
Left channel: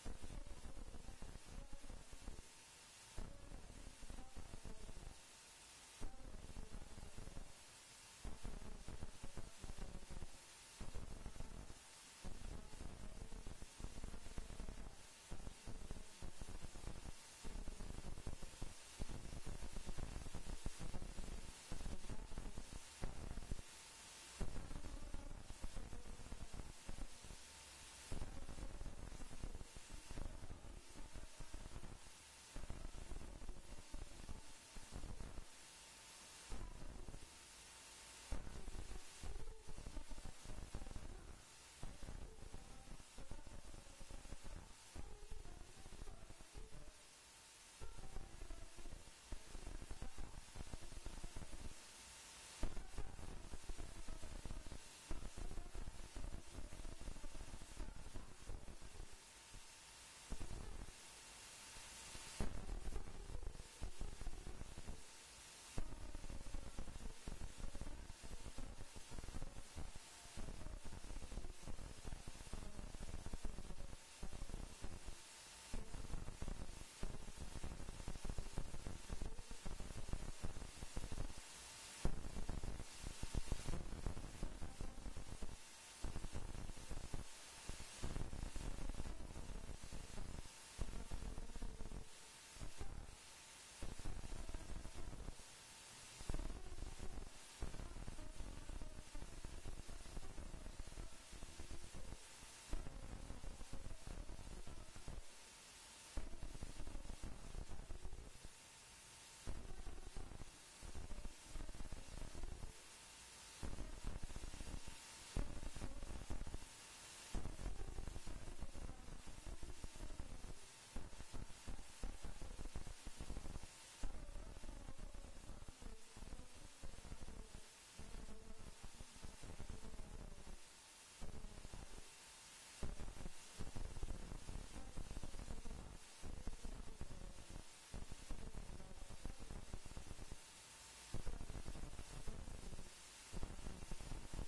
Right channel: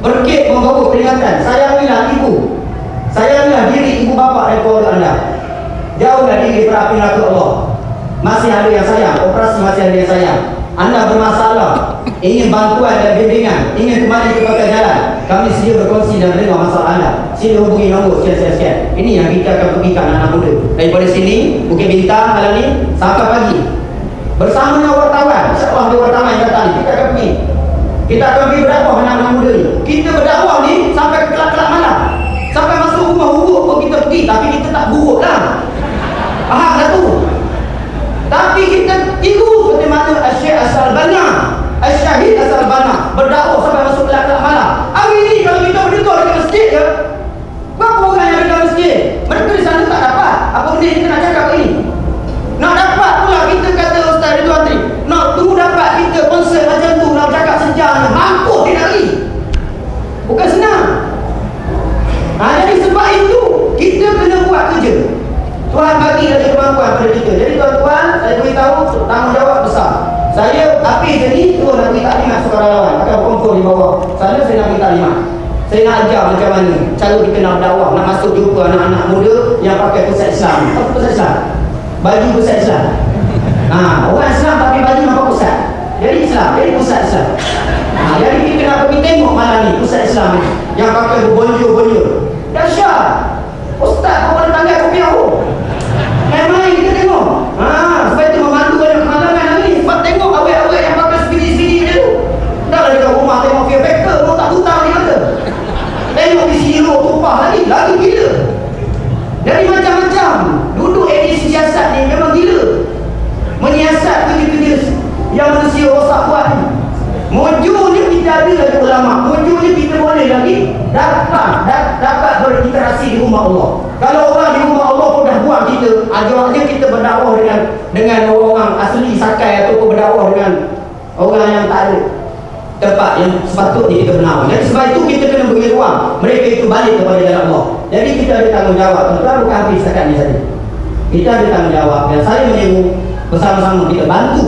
Berkit membawa peringatan. Sayangilah ibu. Sayangilah diri ibu bapa dan keluarga anda. Jauhlah diri berapi neraka Allah. Masih ada yang sayang, operasi masih ada yang sayang. Anda bermasalah, ingin bantuan dan bimbingan, ingin kembali ke pangkal jalan, kami sedia berkongsi dan menerima masalah anda. Sila hubungi nombor sekian-sekian. Ini yang kita akan pergikan anak muda daripada sini, Bukit Bintang malam ni sampai pagi. Bersama dengan wartawan, siapa ada wartawan yang datang ni, kita akan pergi. Kita akan pergi berdakwah anak-anak muda ni. Kita berdakwah ni sampai ke kelak-kelak malam. Sampai masuk rumah buruk pun kita pergi, tapi kita tak buruk lah. Faham tak tu? Tapi kita tiru seperti mana Syekh As-Albana, Syahid As-Albana berdakwah sampai masuk kelak-kelak malam. Hari ni kalau kita berdekat dekat masjid je, berapa orang yang dekat masjid? Mereka di sana tak dapat. Apa benda kita nak cakap ini? Nak dapat pula kita kata Ustaz Ridwan Tri, nak tunggu dapat kita konsert macam tu, nak cakap sejam ni, mampus dia lari. Bukan senang. Jadi sebab itu kita kena buat kerja. Tuhan bagi ada kemampuan pada kita. Jadi tuan-tuan, saya beritahu tanggungjawab besar. Saya habis je ni, terus nak beri taklimat sukarelawan. Akan berkumpul di bawah sana, saya nak beri taklimat. Saya nak ajar macam mana cara kita nak dakwah, nak masuk jumpa anak-anak muda yang pakai pusat Islam. Apa pusat Islam? Baju pusat Islam. Orang Islam pakai baju nampak pusat. Jadi Islam, jadi pusat Islam. Jadi kita nak pergi tengok malam ni pusat Islam ni yang pakai berbonjol-bonjol. Dahsyat. Ustaz, kau boleh tanggal kopi aku. Main-main kita tengok. Sebab itu memandu banyak kemalangan hari ni. Sebab tengok awet-awet yang pakai spidi-spidi dia tu. Dah lah dekat rumah tengok fear factor, mau tak hutang ni kata. Tengok di sini lo tumpah lagi gila. Dari macam-macam. Duduk edisi siasat ni memang gila. Menyiasat kerja-kerja yang manusia rosak buat ni. Mujurnya kita ada lagi ulama. Mujurnya kita boleh lagi dapat berinteraksi di rumah Allah. Kalau orang di rumah Allah ruang kita, ajaknya kita berdakwah dengan orang asli Sakai ataupun berdakwah dengan orang yang tak ada tempat yang sepatutnya kita bernaung. Jadi sebab itu kita kena beri ruang mereka itu balik kepada jalan Allah. Jadi kita ada tanggungjawab, tuan-tuan, bukan habis setakat ni saja. Kita ada tanggungjawab dan saya menyeru bersama-sama kita bantu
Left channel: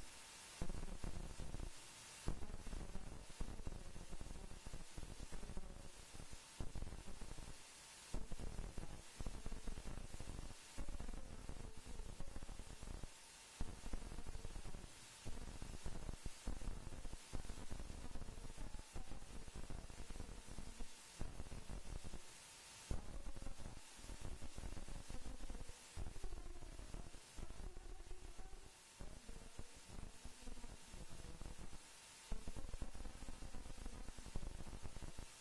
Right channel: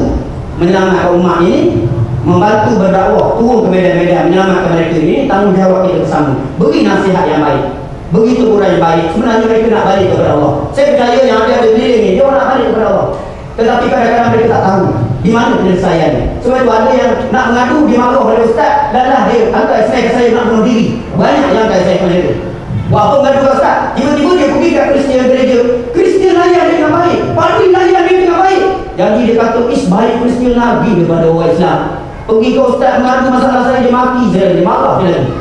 menyelamatkan umat ini, membantu berdakwah, turun ke medan-medan menyelamatkan mereka ini. Tanggungjawab kita bersama. Beri nasihat yang baik, beri teguran yang baik. Sebenarnya mereka nak balik kepada Allah. Saya percaya yang ada di keliling ni, dia orang nak balik kepada Allah. Tetapi kadang-kadang mereka tak tahu di mana penyelesaiannya. Sebab itu ada yang nak mengadu, dia marah pada ustaz, dan lah dia angkat SMS ke saya nak bunuh diri. Banyak yang angkat SMS macam tu. Buat apa mengadu ke ustaz? Tiba-tiba dia pergi kat Kristian gereja, Kristian layan dia dengan baik, Padri layan dia dengan baik. Jadi dia kata, baik Kristian lagi daripada orang Islam. Pergi ke ustaz mengadu masalah saya, dia maki saya, dia marah dia lagi.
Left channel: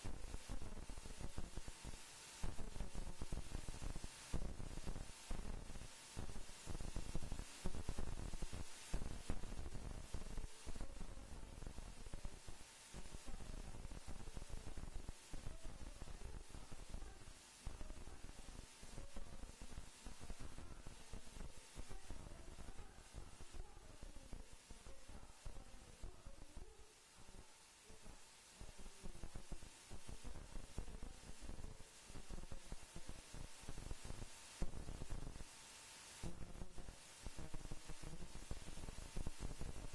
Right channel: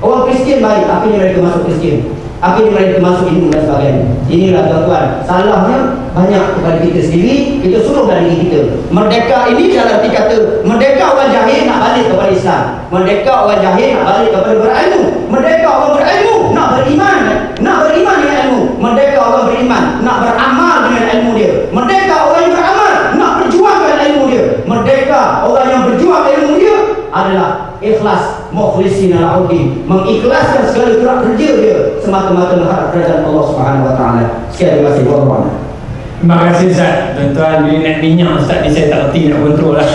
Orang Kristian baik, akhirnya mereka masuk Kristian, akhirnya mereka masuk Hindu dan sebagainya. Inilah tuan-tuan, salahnya banyak kepada kita sendiri. Kita suruhkan diri kita. Merdeka ini dalam arti kata merdeka orang jahil nak balik kepada Islam, merdeka orang jahil nak balik kepada berilmu, merdeka orang berilmu nak beriman dengan ilmu, merdeka orang beriman nak beramal dengan ilmu dia, merdeka orang yang beramal nak berjuangkan ilmu dia, merdeka orang yang berjuang ilmu dia adalah ikhlas, mukhlisin al-audin, mengikhlaskan segala gerak kerja dia semata-mata mengharap kerajaan Allah Subhanahu wa taala. Sekian, terima kasih. Terima kasih Ustaz. Tuan-tuan, bila naik minyak Ustaz ni saya tak erti nak kontrol lah.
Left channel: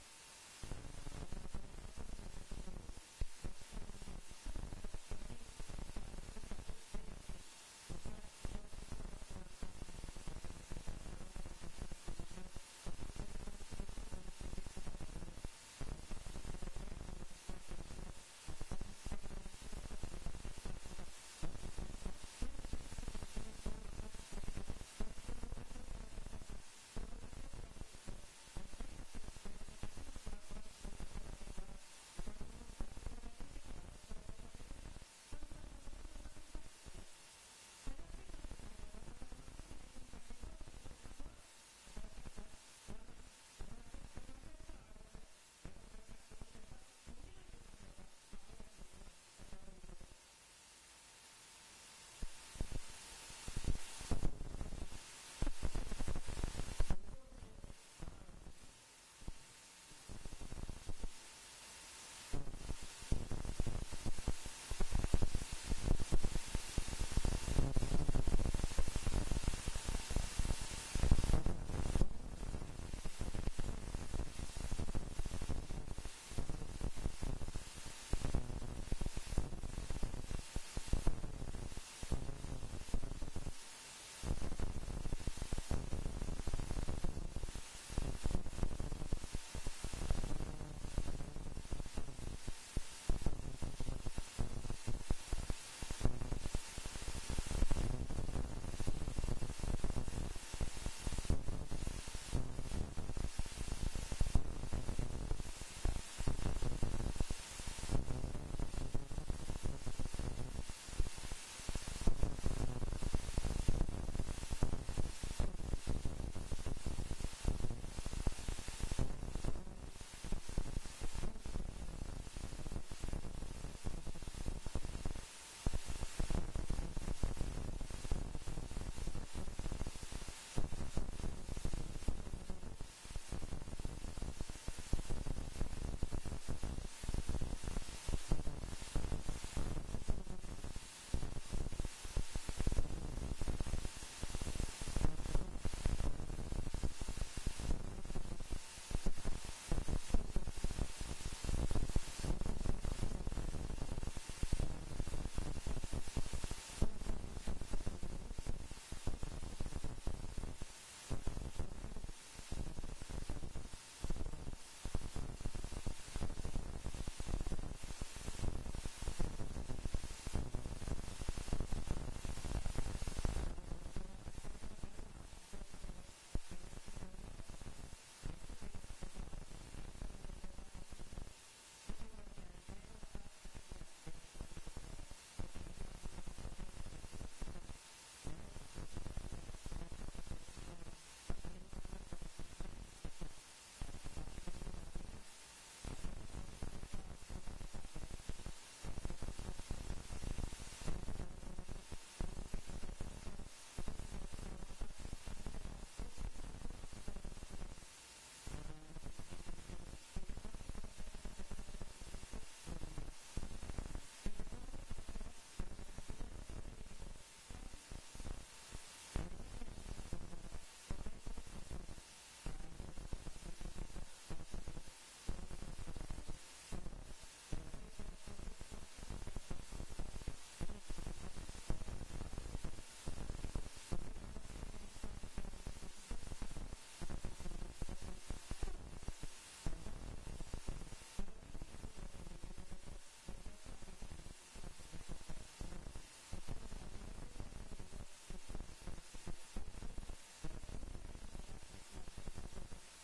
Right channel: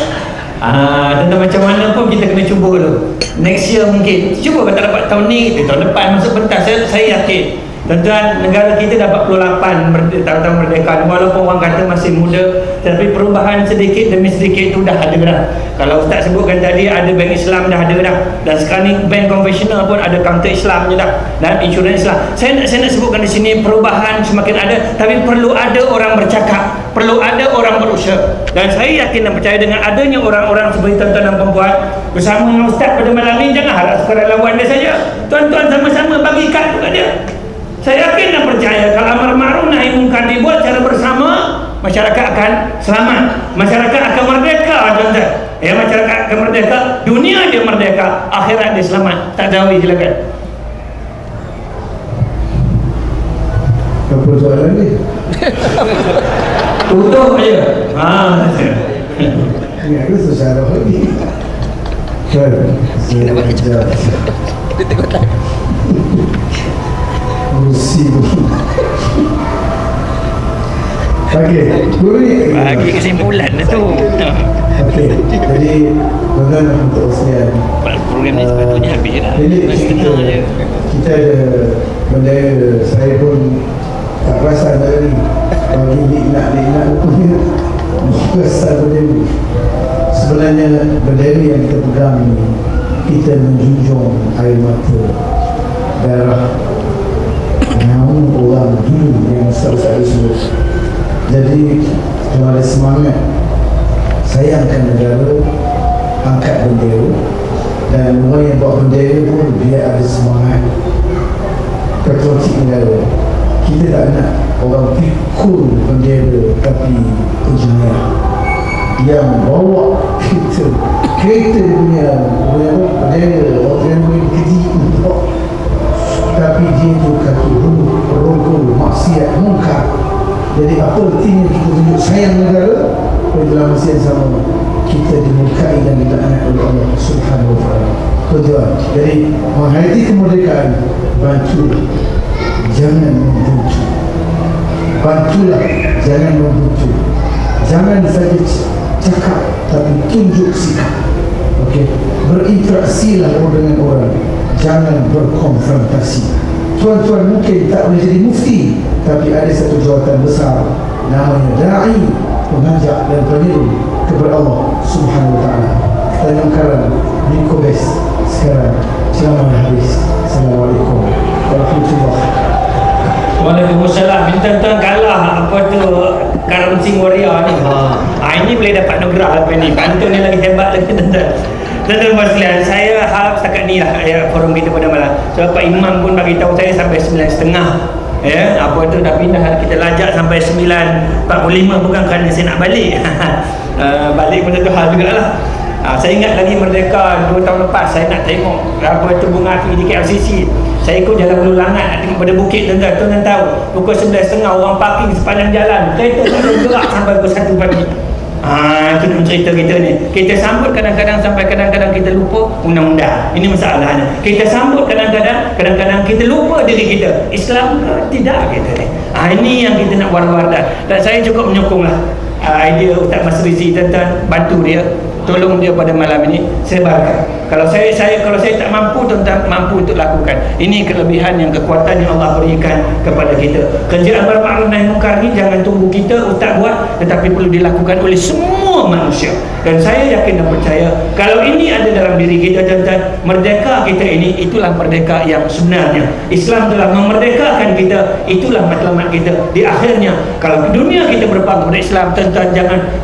Tentang macam mana pun kita kena cuba dulu. Next year mungkin. Cuba kalau tak dapat tahun ni, tahun depan masuk pentas. Saya yakin tuan-tuan, negara kita dah 48 tahun merdeka. Walaupun orang kata masih muda, tapi perubahan sedikit demi sedikit itu dah ada dah. Kalau Ustaz sebutkan tadi ada bank Islam dah ada dah. Dan sekarang ni bank konvensional pun ada counter Islam je dah. Dan insurans Islam. Saya nak sebutkan di sini perubahan semakin ada, tapi perlu ada orang bercakap, perlu ada orang berusaha. Dan saya yakin dan percaya dengan adanya orang-orang seperti tuan-tuan dan perempuan bersama dengan Ustaz pada malam ni, jangan harap sekadar lawan dia saja. Tuan-tuan sama-sama bagi kad kepada dia. Saya yakin dan percaya kalau amar ma'ruf nahi munkar dibuat secara bersama, masyarakat akan selamat, masyarakat akan merdeka, tuan-tuan. Ya, masyarakat akan merdeka, dunia dia merdeka, akhirat dia selamat. Tak jauh, silakan. Apa soalan ni? Tutup je. Ini aku susah lagi. Kan? Saya jawab. Dia tengok tak? Rusi. Okey, guru ni bagi kesimpulan tu. okey, jadi tuan-tuan untuk sekalian, Program ni sepatutnya habis dah. jadi Setengah je. kita ada benda, saya pun tak perasan tadi bagi liknak punya perasan benda ni. Sebenarnya benda ni yang kita pegang ni, kita menjunjung air mata, darah, nyawa orang dulu yang saya sebut. Jadi kalau ada semangat sayangkan negara, angkat bendera, dan orang yang bawa bendera pun dia ada semangat patriotik negara. Kita tak nak orang pikul bendera tapi engineer yang bawa kereta punya bendera, orang yang keji untuk, tapi dia tu kaki rogol, maksiat, mungkar. Jadi apa artinya kita tunjuk sayang negara, dalam masa yang sama kita dimurkai dan dilaknat oleh Allah Subhanahu wa taala. Tuan-tuan, jadi menghayati kemerdekaan, bantu, jangan membenci. Bantulah, jangan membenci. Jangan saja cakap, tapi tunjuk sikap. Okey, berinteraksilah dengan orang, jangan berkonfrontasi. Tuan-tuan mungkin tak boleh jadi mufti, tapi ada satu jawatan besar, namanya da'i, mengajak dan penyeru kepada Allah Subhanahu wa taala. Tanya karam di Kobes sekarang selama habis. Assalamualaikum warahmatullahi wabarakatuh. Waalaikumsalam. Tuan-tuan kalah apa tu Karam Sing Warrior ni. Ini boleh dapat nugrah lepas ni. Pantun ni lagi hebat lagi tuan-tuan. Tuan-tuan sekalian, saya harap setakat ni lah forum kita pada malam. Sebab Pak Imam pun bagi tahu saya sampai 9.30. Ya, apa tu dah pindah, kita lajak sampai 9.45, bukan kerana saya nak balik. Balik pun satu hal jugalah. Saya ingat lagi merdeka 2 tahun lepas, saya nak tengok apa tu bunga api di KLCC. Saya ikut jalan Ulu Langat pada bukit tuan-tuan. Tuan-tuan tahu pukul 11.30 orang parking sepanjang jalan. Kereta tak ada gerak sampai pukul 1 pagi. Itu cerita kita ni. Kita sambut kadang-kadang sampai kadang-kadang kita lupa undang-undang. Ini masalahnya. Kita sambut kadang-kadang kita lupa diri kita. Islam ke tidak kita ni. Ini yang kita nak war-war dan saya cukup menyokonglah idea Ustaz Mas Rizi tentang bantu dia, tolong dia pada malam ini sebarkan. Kalau saya tak mampu, tuan-tuan mampu untuk lakukan. Ini kelebihan yang kekuatan yang Allah berikan kepada kita. Kerja amar ma'ruf nahi munkar ni jangan tunggu kita ustaz buat, tetapi perlu dilakukan oleh semua manusia. Dan saya yakin dan percaya kalau ini ada dalam diri kita, tuan-tuan, merdeka kita ini itulah merdeka yang sebenarnya. Islam telah memerdekakan kita, itulah matlamat kita. Di akhirnya kalau dunia kita berpegang kepada Islam, tuan-tuan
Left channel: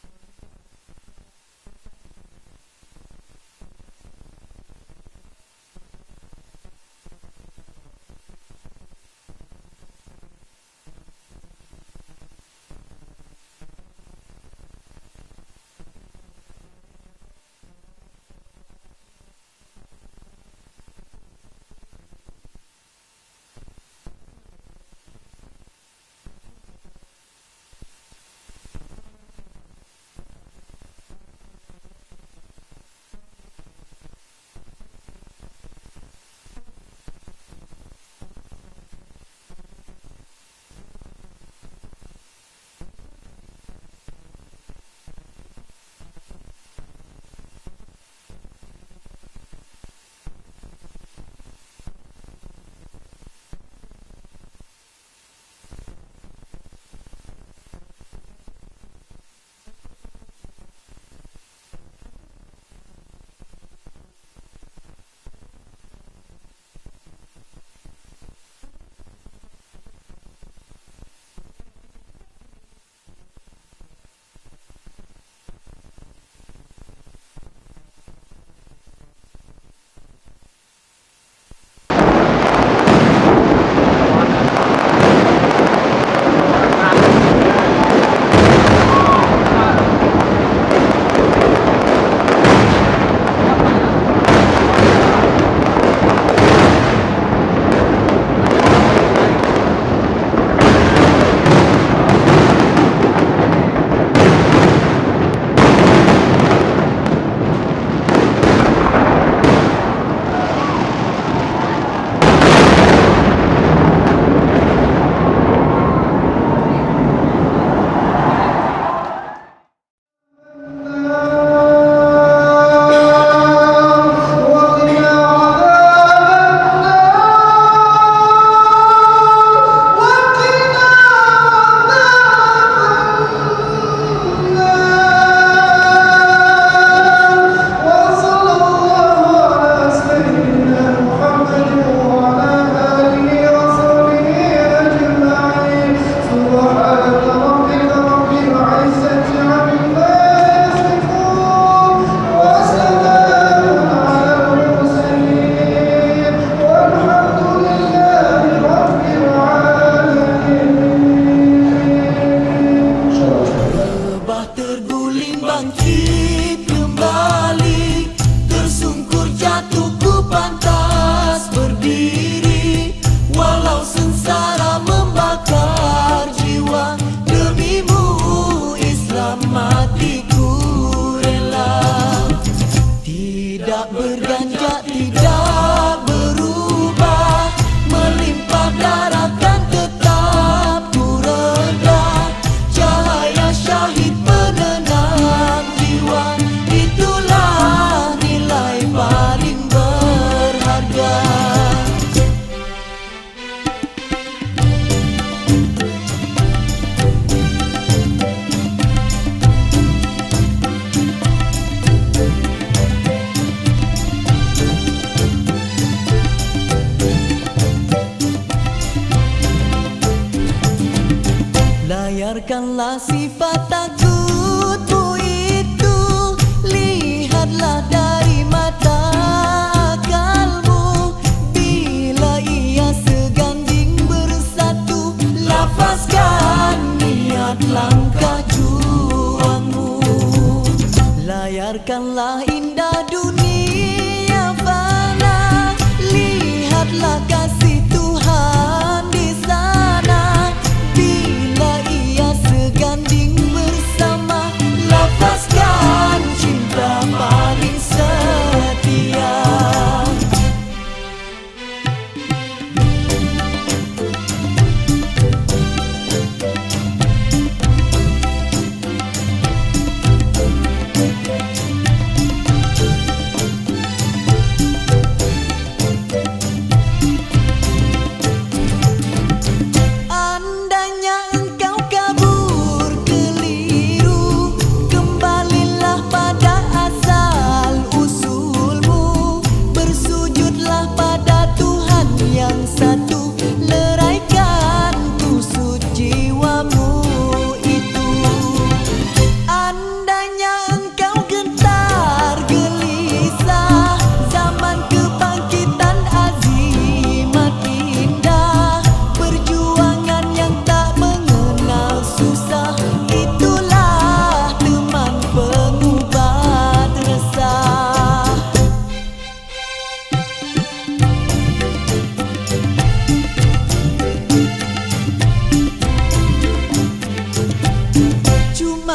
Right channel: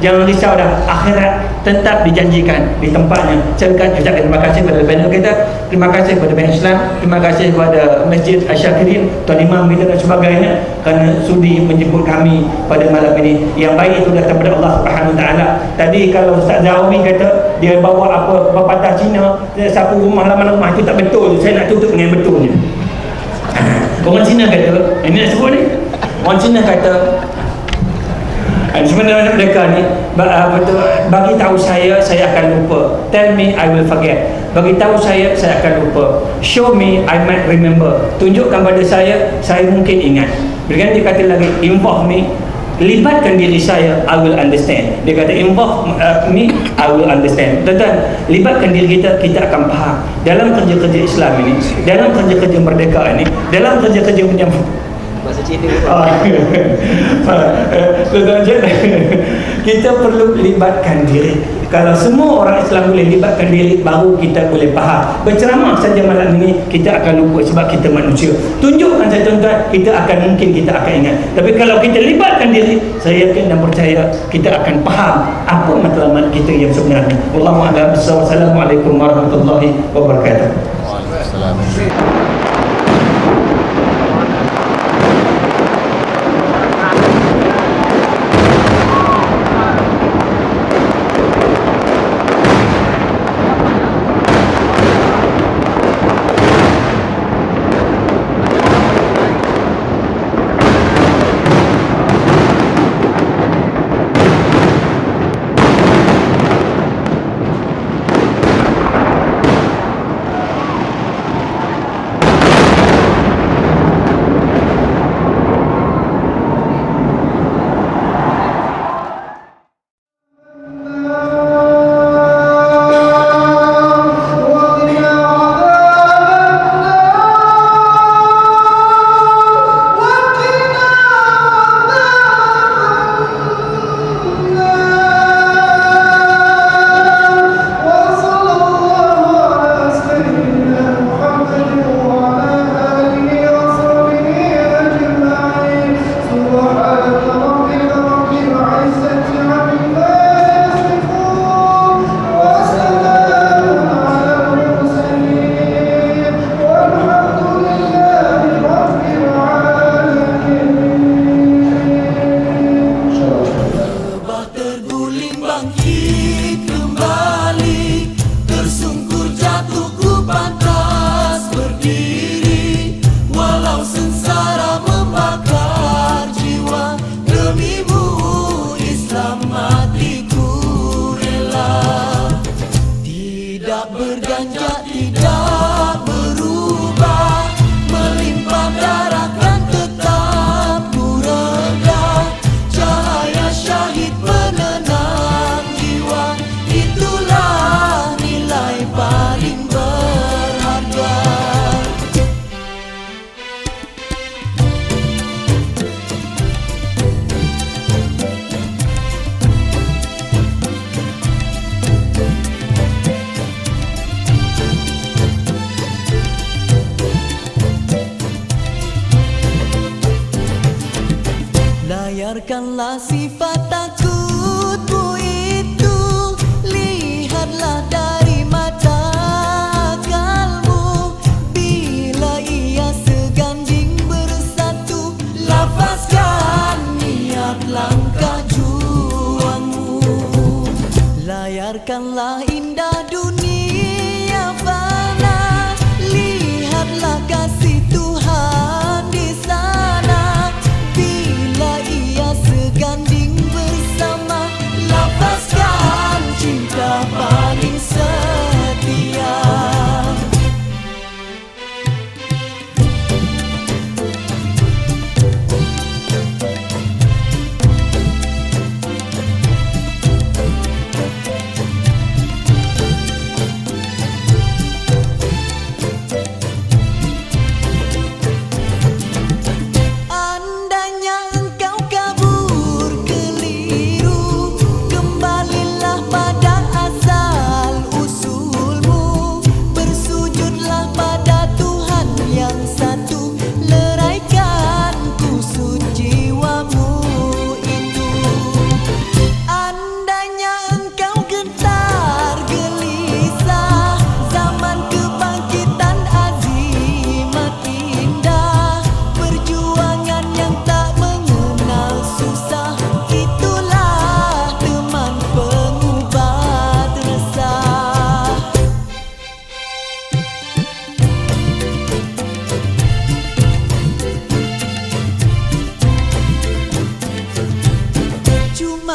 jangan risau dah, akhirat tetap dijanjikan di tempatnya. Saya ucapkan terima kasih kepada panel kita, terima kasih kepada Bank Islam, terima kasih kepada Masjid Asy-Syakirin, Tuan Imam kita dan sebagainya kerana sudi menjemput kami pada malam ini. Yang baik itu datang daripada Allah Subhanahu Wa Taala. Tadi kalau Ustaz Zaumi kata dia bawa apa pepatah Cina, sapu rumah laman rumah, itu tak betul. Saya nak tutup dengan betulnya. Orang Cina kata, ini nak sebut ni. Orang Cina kata sebenarnya mereka ni bagi tahu saya akan lupa. Tell me I will forget. Bagi tahu saya akan lupa. Show me I might remember. Tunjukkan pada saya mungkin ingat. Berganti dia kata lagi, involve me, libatkan diri saya, I will understand. Dia kata involve me, I will understand. Tuan-tuan, libatkan diri kita akan faham. Dalam kerja-kerja Islam ini, dalam kerja-kerja merdeka ini, dalam kerja-kerja menyambut bahasa Cina. Kita perlu libatkan diri. Kalau semua orang Islam boleh libatkan diri, baru kita boleh faham. Berceramah saja malam ini kita akan lupa sebab kita manusia. Tunjukkan saya tuan-tuan, kita akan ingat. Tapi kalau kita libatkan diri, saya yakin dan percaya kita akan faham apa matlamat kita yang sebenarnya. Wallahu a'lam bissawab. Assalamualaikum warahmatullahi wabarakatuh. Waalaikumsalam. Layarkanlah sifat takutmu itu, lihatlah dari mata akalmu. Bila ia seganding bersatu, lafazkan niat langkah juangmu. Layarkanlah indah dunia fana, lihatlah kasih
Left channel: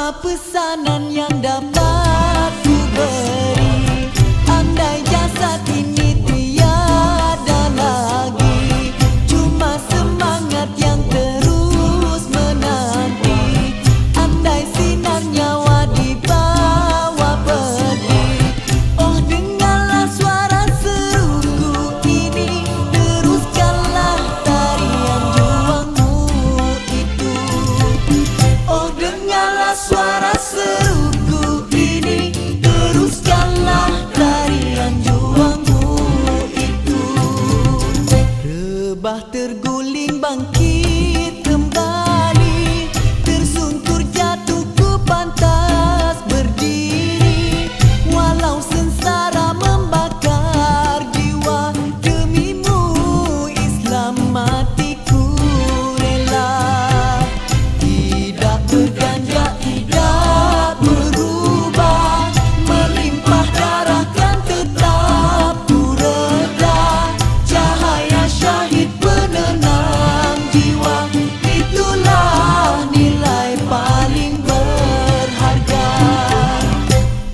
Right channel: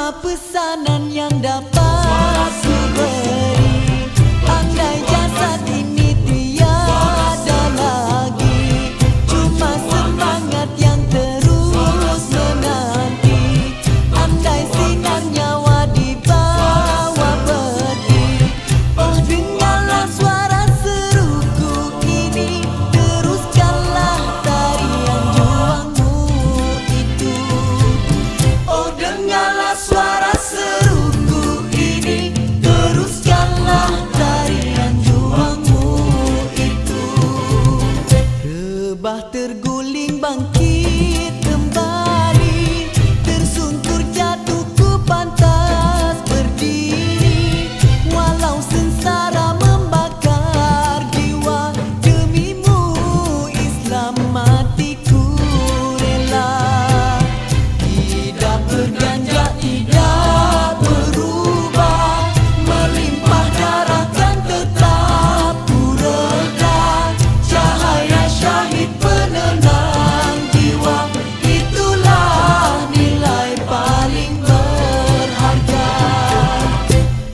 Cuma pesanan yang dapat ku beri, andai jasad ini tiada lagi, cuma semangat yang terus menanti. Andai sinar nyawa dibawa pergi, oh dengarlah suara seruku ini, teruskanlah tarian juangmu itu. Oh dengarlah suara seruku ini, teruskanlah tarian juangmu itu. Rebah terguling bangkit kembali, tersungkur jatuh ku pantas berdiri. Walau sengsara membakar jiwa, demimu Islam matiku rela. Tidak berganjak, tidak berubah, melimpah darah kan tetap ku reda. Cahaya syahid penenang jiwa, itulah nilai paling berharga.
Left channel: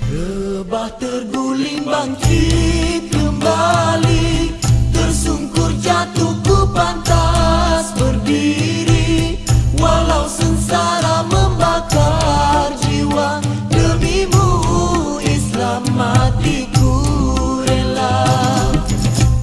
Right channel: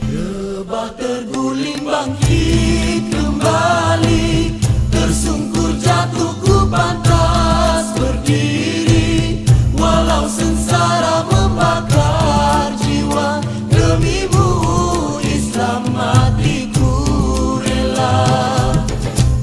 Rebah terguling bangkit kembali, tersungkur jatuh ku pantas berdiri. Walau sengsara membakar jiwa, demimu Islam matiku rela.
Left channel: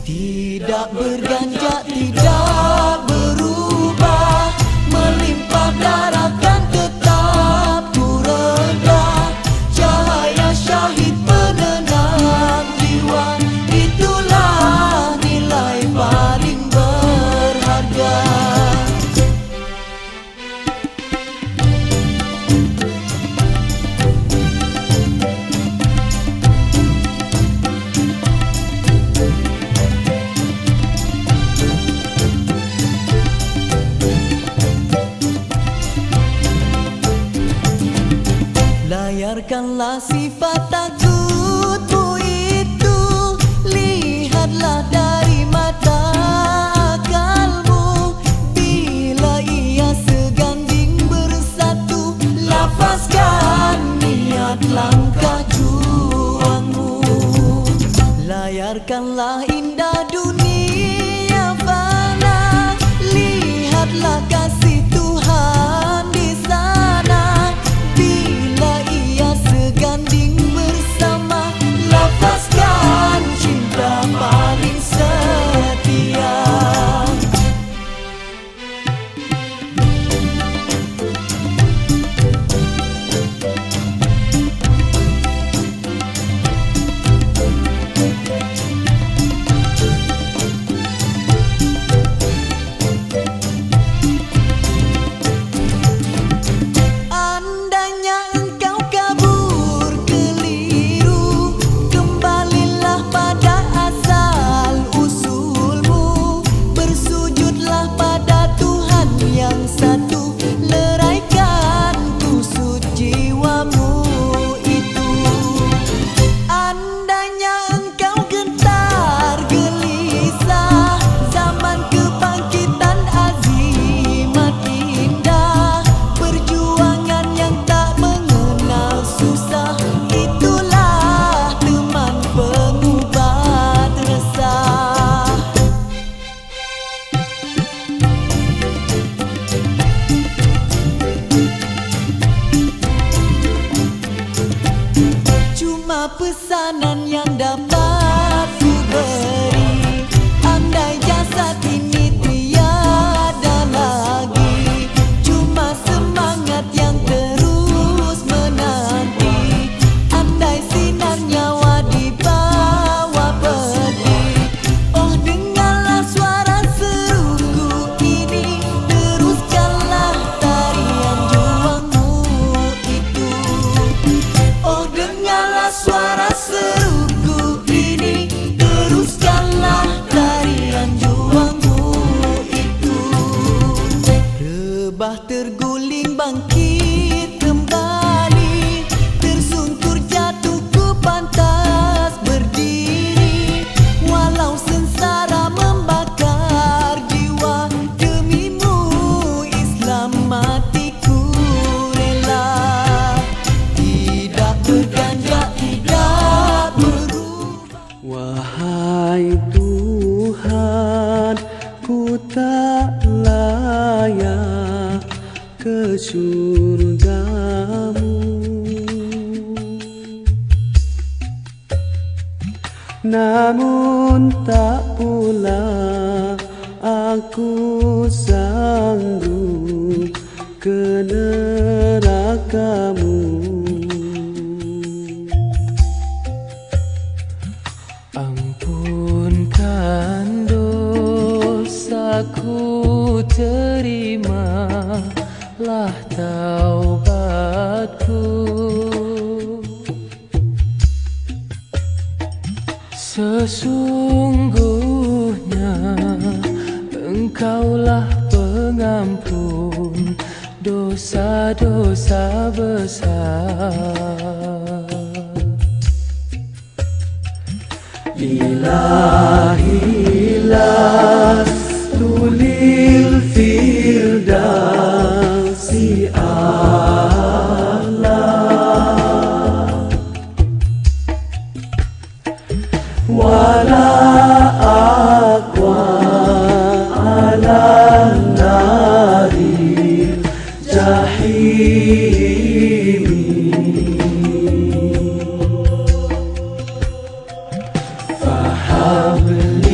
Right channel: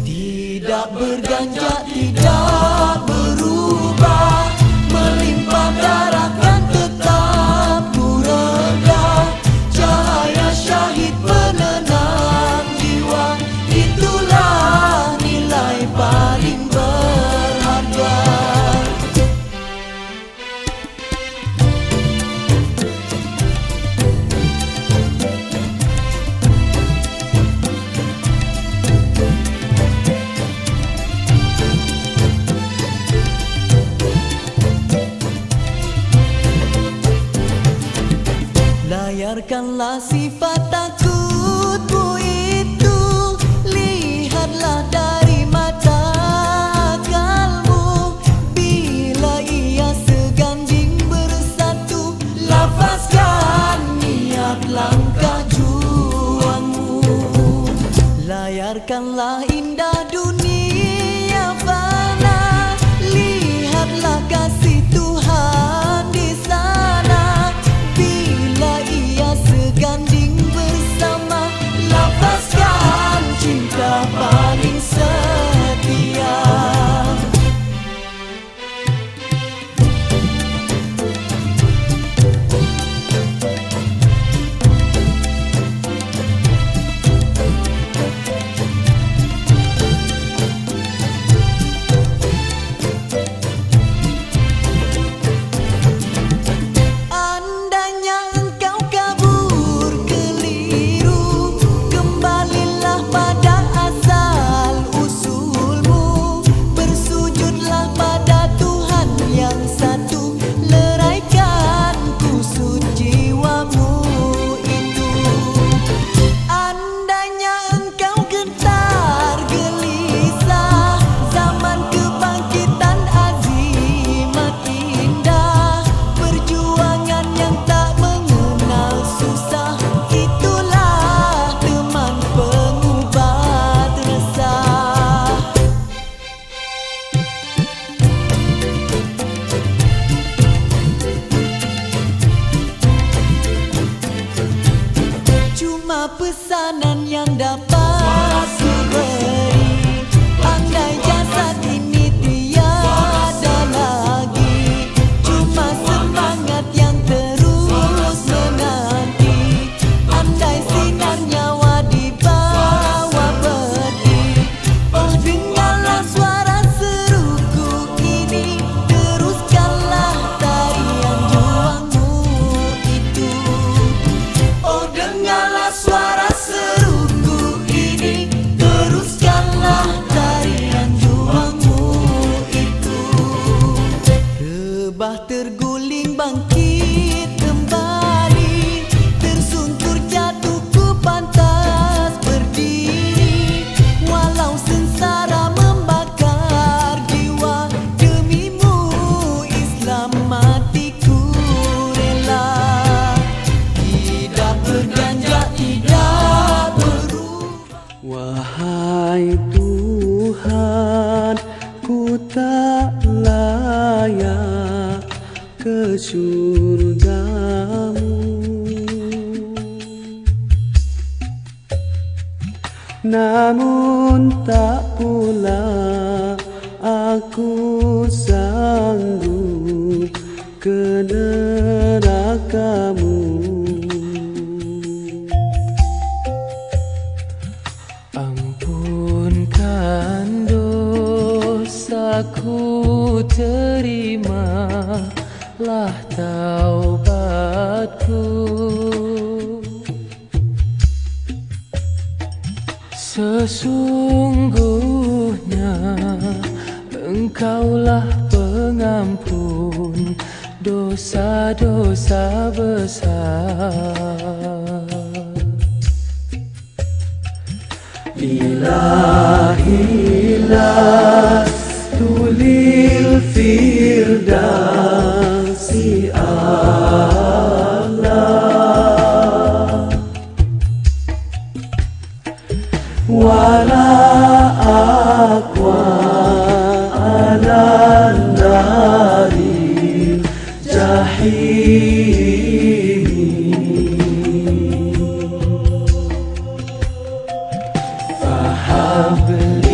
Tidak berganjak, tidak berubah, melimpah darah kan tetap ku reda. Cahaya syahid penenang jiwa, itulah nilai paling berharga. Layarkanlah sifat takutmu itu, lihatlah dari mata akalmu. Bila ia seganding bersatu, lafazkan niat langkah juangmu. Layarkanlah indah dunia fana, lihatlah kasih Tuhan di sana. Bila ia seganding bersama, lafazkan cinta paling setia. Andainya engkau kabur keliru, kembalilah pada asal usulmu. Bersujudlah pada Tuhan yang satu, leraikan kusut jiwamu itu. Andainya engkau gentar gelisah, zaman kebangkitan azimat indah, perjuangan yang tak mengenal susah, itulah teman pengubat resah. Cuma pesanan yang dapat ku beri, andai jasad ini tiada lagi, cuma semangat yang terus menanti. Andai sinar nyawa dibawa pergi, oh dengarlah suara seruku ini, teruskanlah tarian juangmu itu. Oh dengarlah suara seruku ini, teruskanlah tarian juangmu itu. Rebah terguling bangkit kembali, tersungkur jatuh ku pantas berdiri. Walau sengsara membakar jiwa, demimu Islam matiku rela. ke surgamu. Namun tak pula aku sanggup ke nerakamu. Ampunkan dosaku, terimalah taubatku. Sesungguhnya Engkaulah pengampun dosa-dosa besar. Ilahilah tulil firdausi Allah, wala aqwa ala nari jahim. Fahabli